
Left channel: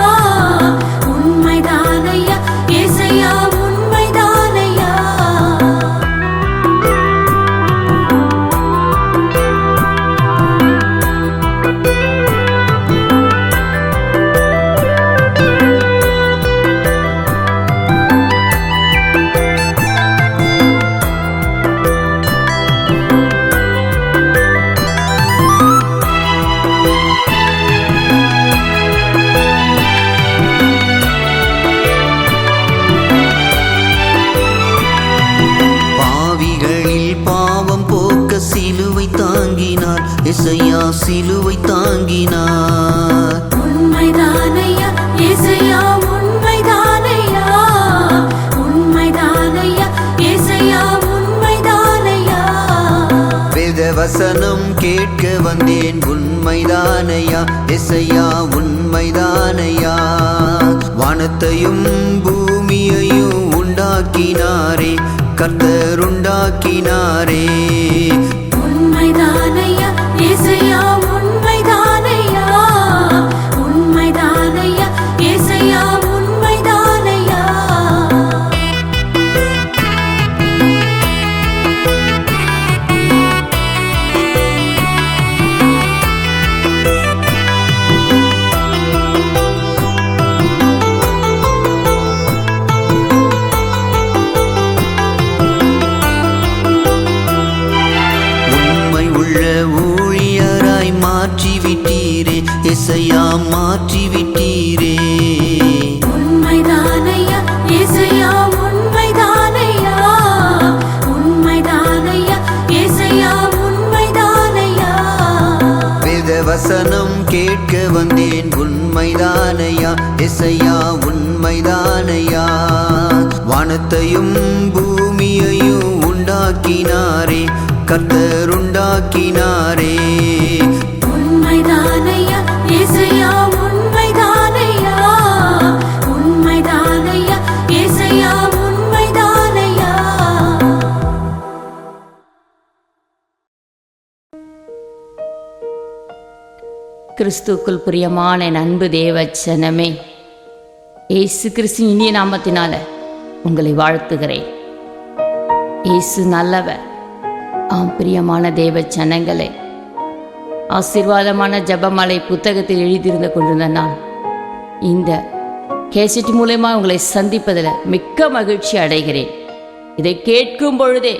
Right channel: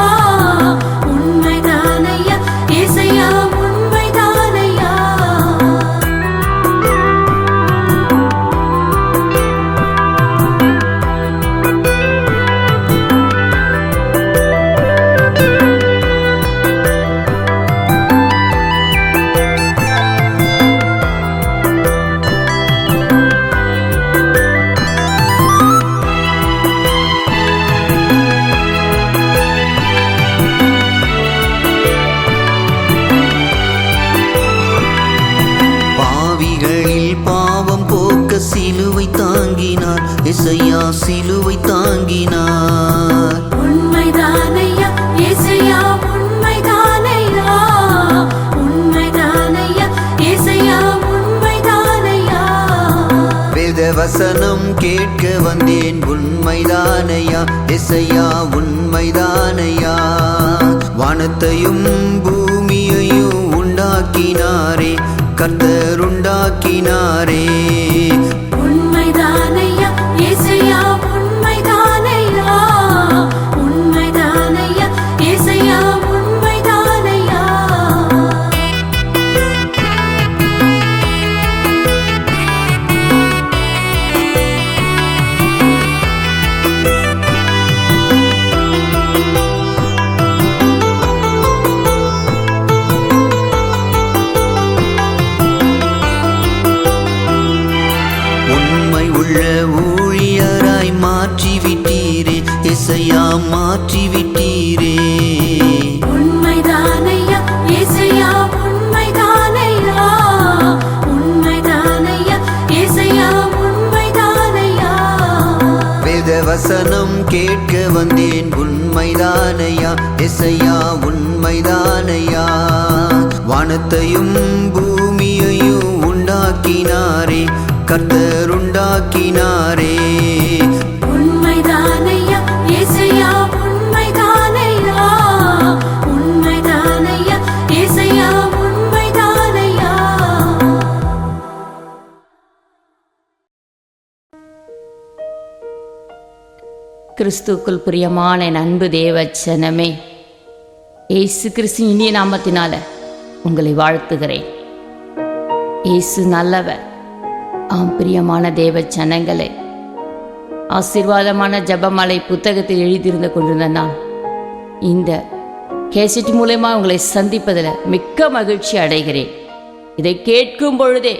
உண்மைதானையா இயேசையா உண்மைதானையா. பாவிகளில் பாவம் போக்க சிலுவை தாங்கினார் எசையா சிலுவை தாங்கினார். உண்மைதானையா இயேசையா உண்மைதானையா உண்மைதானையா இயேசையா உண்மைதானையா. வேதவசனம் கேட்க வந்தேன் உண்மைதானையா எசையா உண்மைதானையா. வானத்தையும் பூமியையும் உண்டாக்கினாரே கர்த்தர் உண்டாக்கினாரே. உண்மைதானையா இயேசையா உண்மைதானையா உண்மைதானையா இயேசையா உண்மைதானையா. உண்மை உள்ள ஊழியராய் மாற்றி விட்டீரே எசையா மாற்றி விட்டீரே. உண்மைதானையா இயேசையா உண்மைதானையா உண்மைதானையா இயேசையா உண்மைதானையா. வேதவசனம் கேட்க வந்தேன் உண்மைதானையா எசையா உண்மைதானையா. வானத்தையும் பூமியையும் உண்டாக்கினாரே கர்த்தர் உண்டாக்கினாரே. உண்மைதானையா இயேசையா உண்மைதானையா கிறிஸ்துக்குள் பிரியமான என் அன்பு தேவச்சனமே, இயேசு கிறிஸ்து இனிய நாமத்தினால உங்களை வாழ்த்துகிறேன். இயேசு நல்லவர். ஆம் பிரியமான தேவச்சனங்களே, ஆசீர்வாதமான ஜெபமாலை புத்தகத்தில் எழுதியிருந்து கொண்டிருந்த நான் இந்த கேசட் மூலமா உங்களை சந்திப்பதில் மிக்க மகிழ்ச்சி அடைகிறேன். இதை கேட்கும் பொழுதே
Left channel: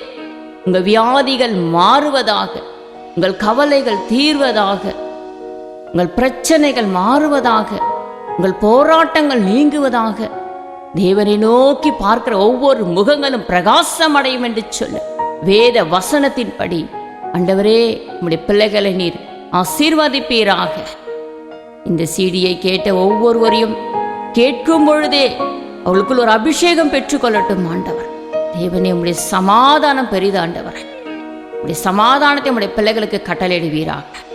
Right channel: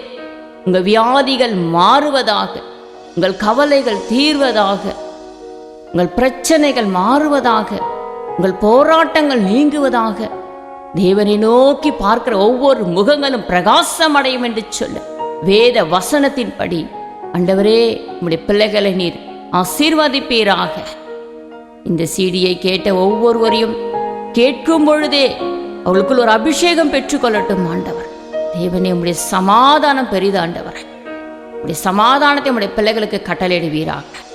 உங்கள் வியாதிகள் மாறுவதாக, உங்கள் கவலைகள் தீர்வதாக, உங்கள் பிரச்சனைகள் மாறுவதாக, உங்கள் போராட்டங்கள் நீங்குவதாக, தேவனை நோக்கி பார்க்கிற ஒவ்வொரு முகங்களும் பிரகாசம் அடையும் என்று சொல்ல வேத வசனத்தின்படி ஆண்டவரே உம்முடைய பிள்ளைகளை நீர் ஆசீர்வதிப்பீராக. இந்த சீடியை கேட்ட ஒவ்வொருவரையும் கேட்கும் பொழுதே அவளுக்குள் ஒரு அபிஷேகம் பெற்றுக்கொள்ளட்டும் ஆண்டவர். தேவனே உம்முடைய சமாதானம் பெரிதாண்டவர். உம்முடைய சமாதானத்தை உம்முடைய பிள்ளைகளுக்கு கட்டளையிடுவீராக.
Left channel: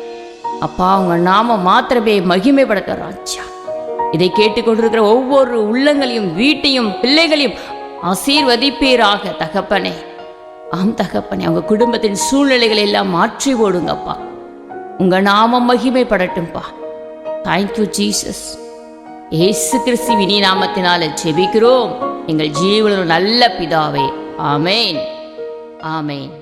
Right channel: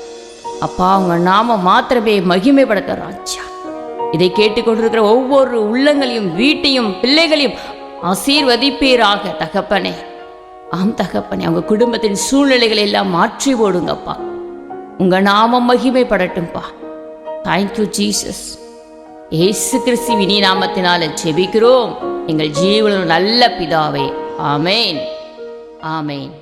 அப்பா, உங்க நாம மாத்திரமே மகிமைப்படுத்த ராஜா. இதை கேட்டுக்கொண்டிருக்கிற ஒவ்வொரு உள்ளங்களையும் வீட்டையும் பிள்ளைகளையும் ஆசீர்வதிப்பீராக தகப்பனே. ஆம் தகப்பனே, அவங்க குடும்பத்தின் சூழ்நிலைகளை எல்லாம் மாற்றி ஓடுங்கப்பா. உங்க நாமம் மகிமைப்படட்டும்பா. Thank you Jesus. இயேசு கிறிஸ்து இனி நாமத்தினால ஜெபிக்கிறோம் எங்கள் ஜீவனில் நல்ல பிதாவே. ஆமேன், ஆமேன்.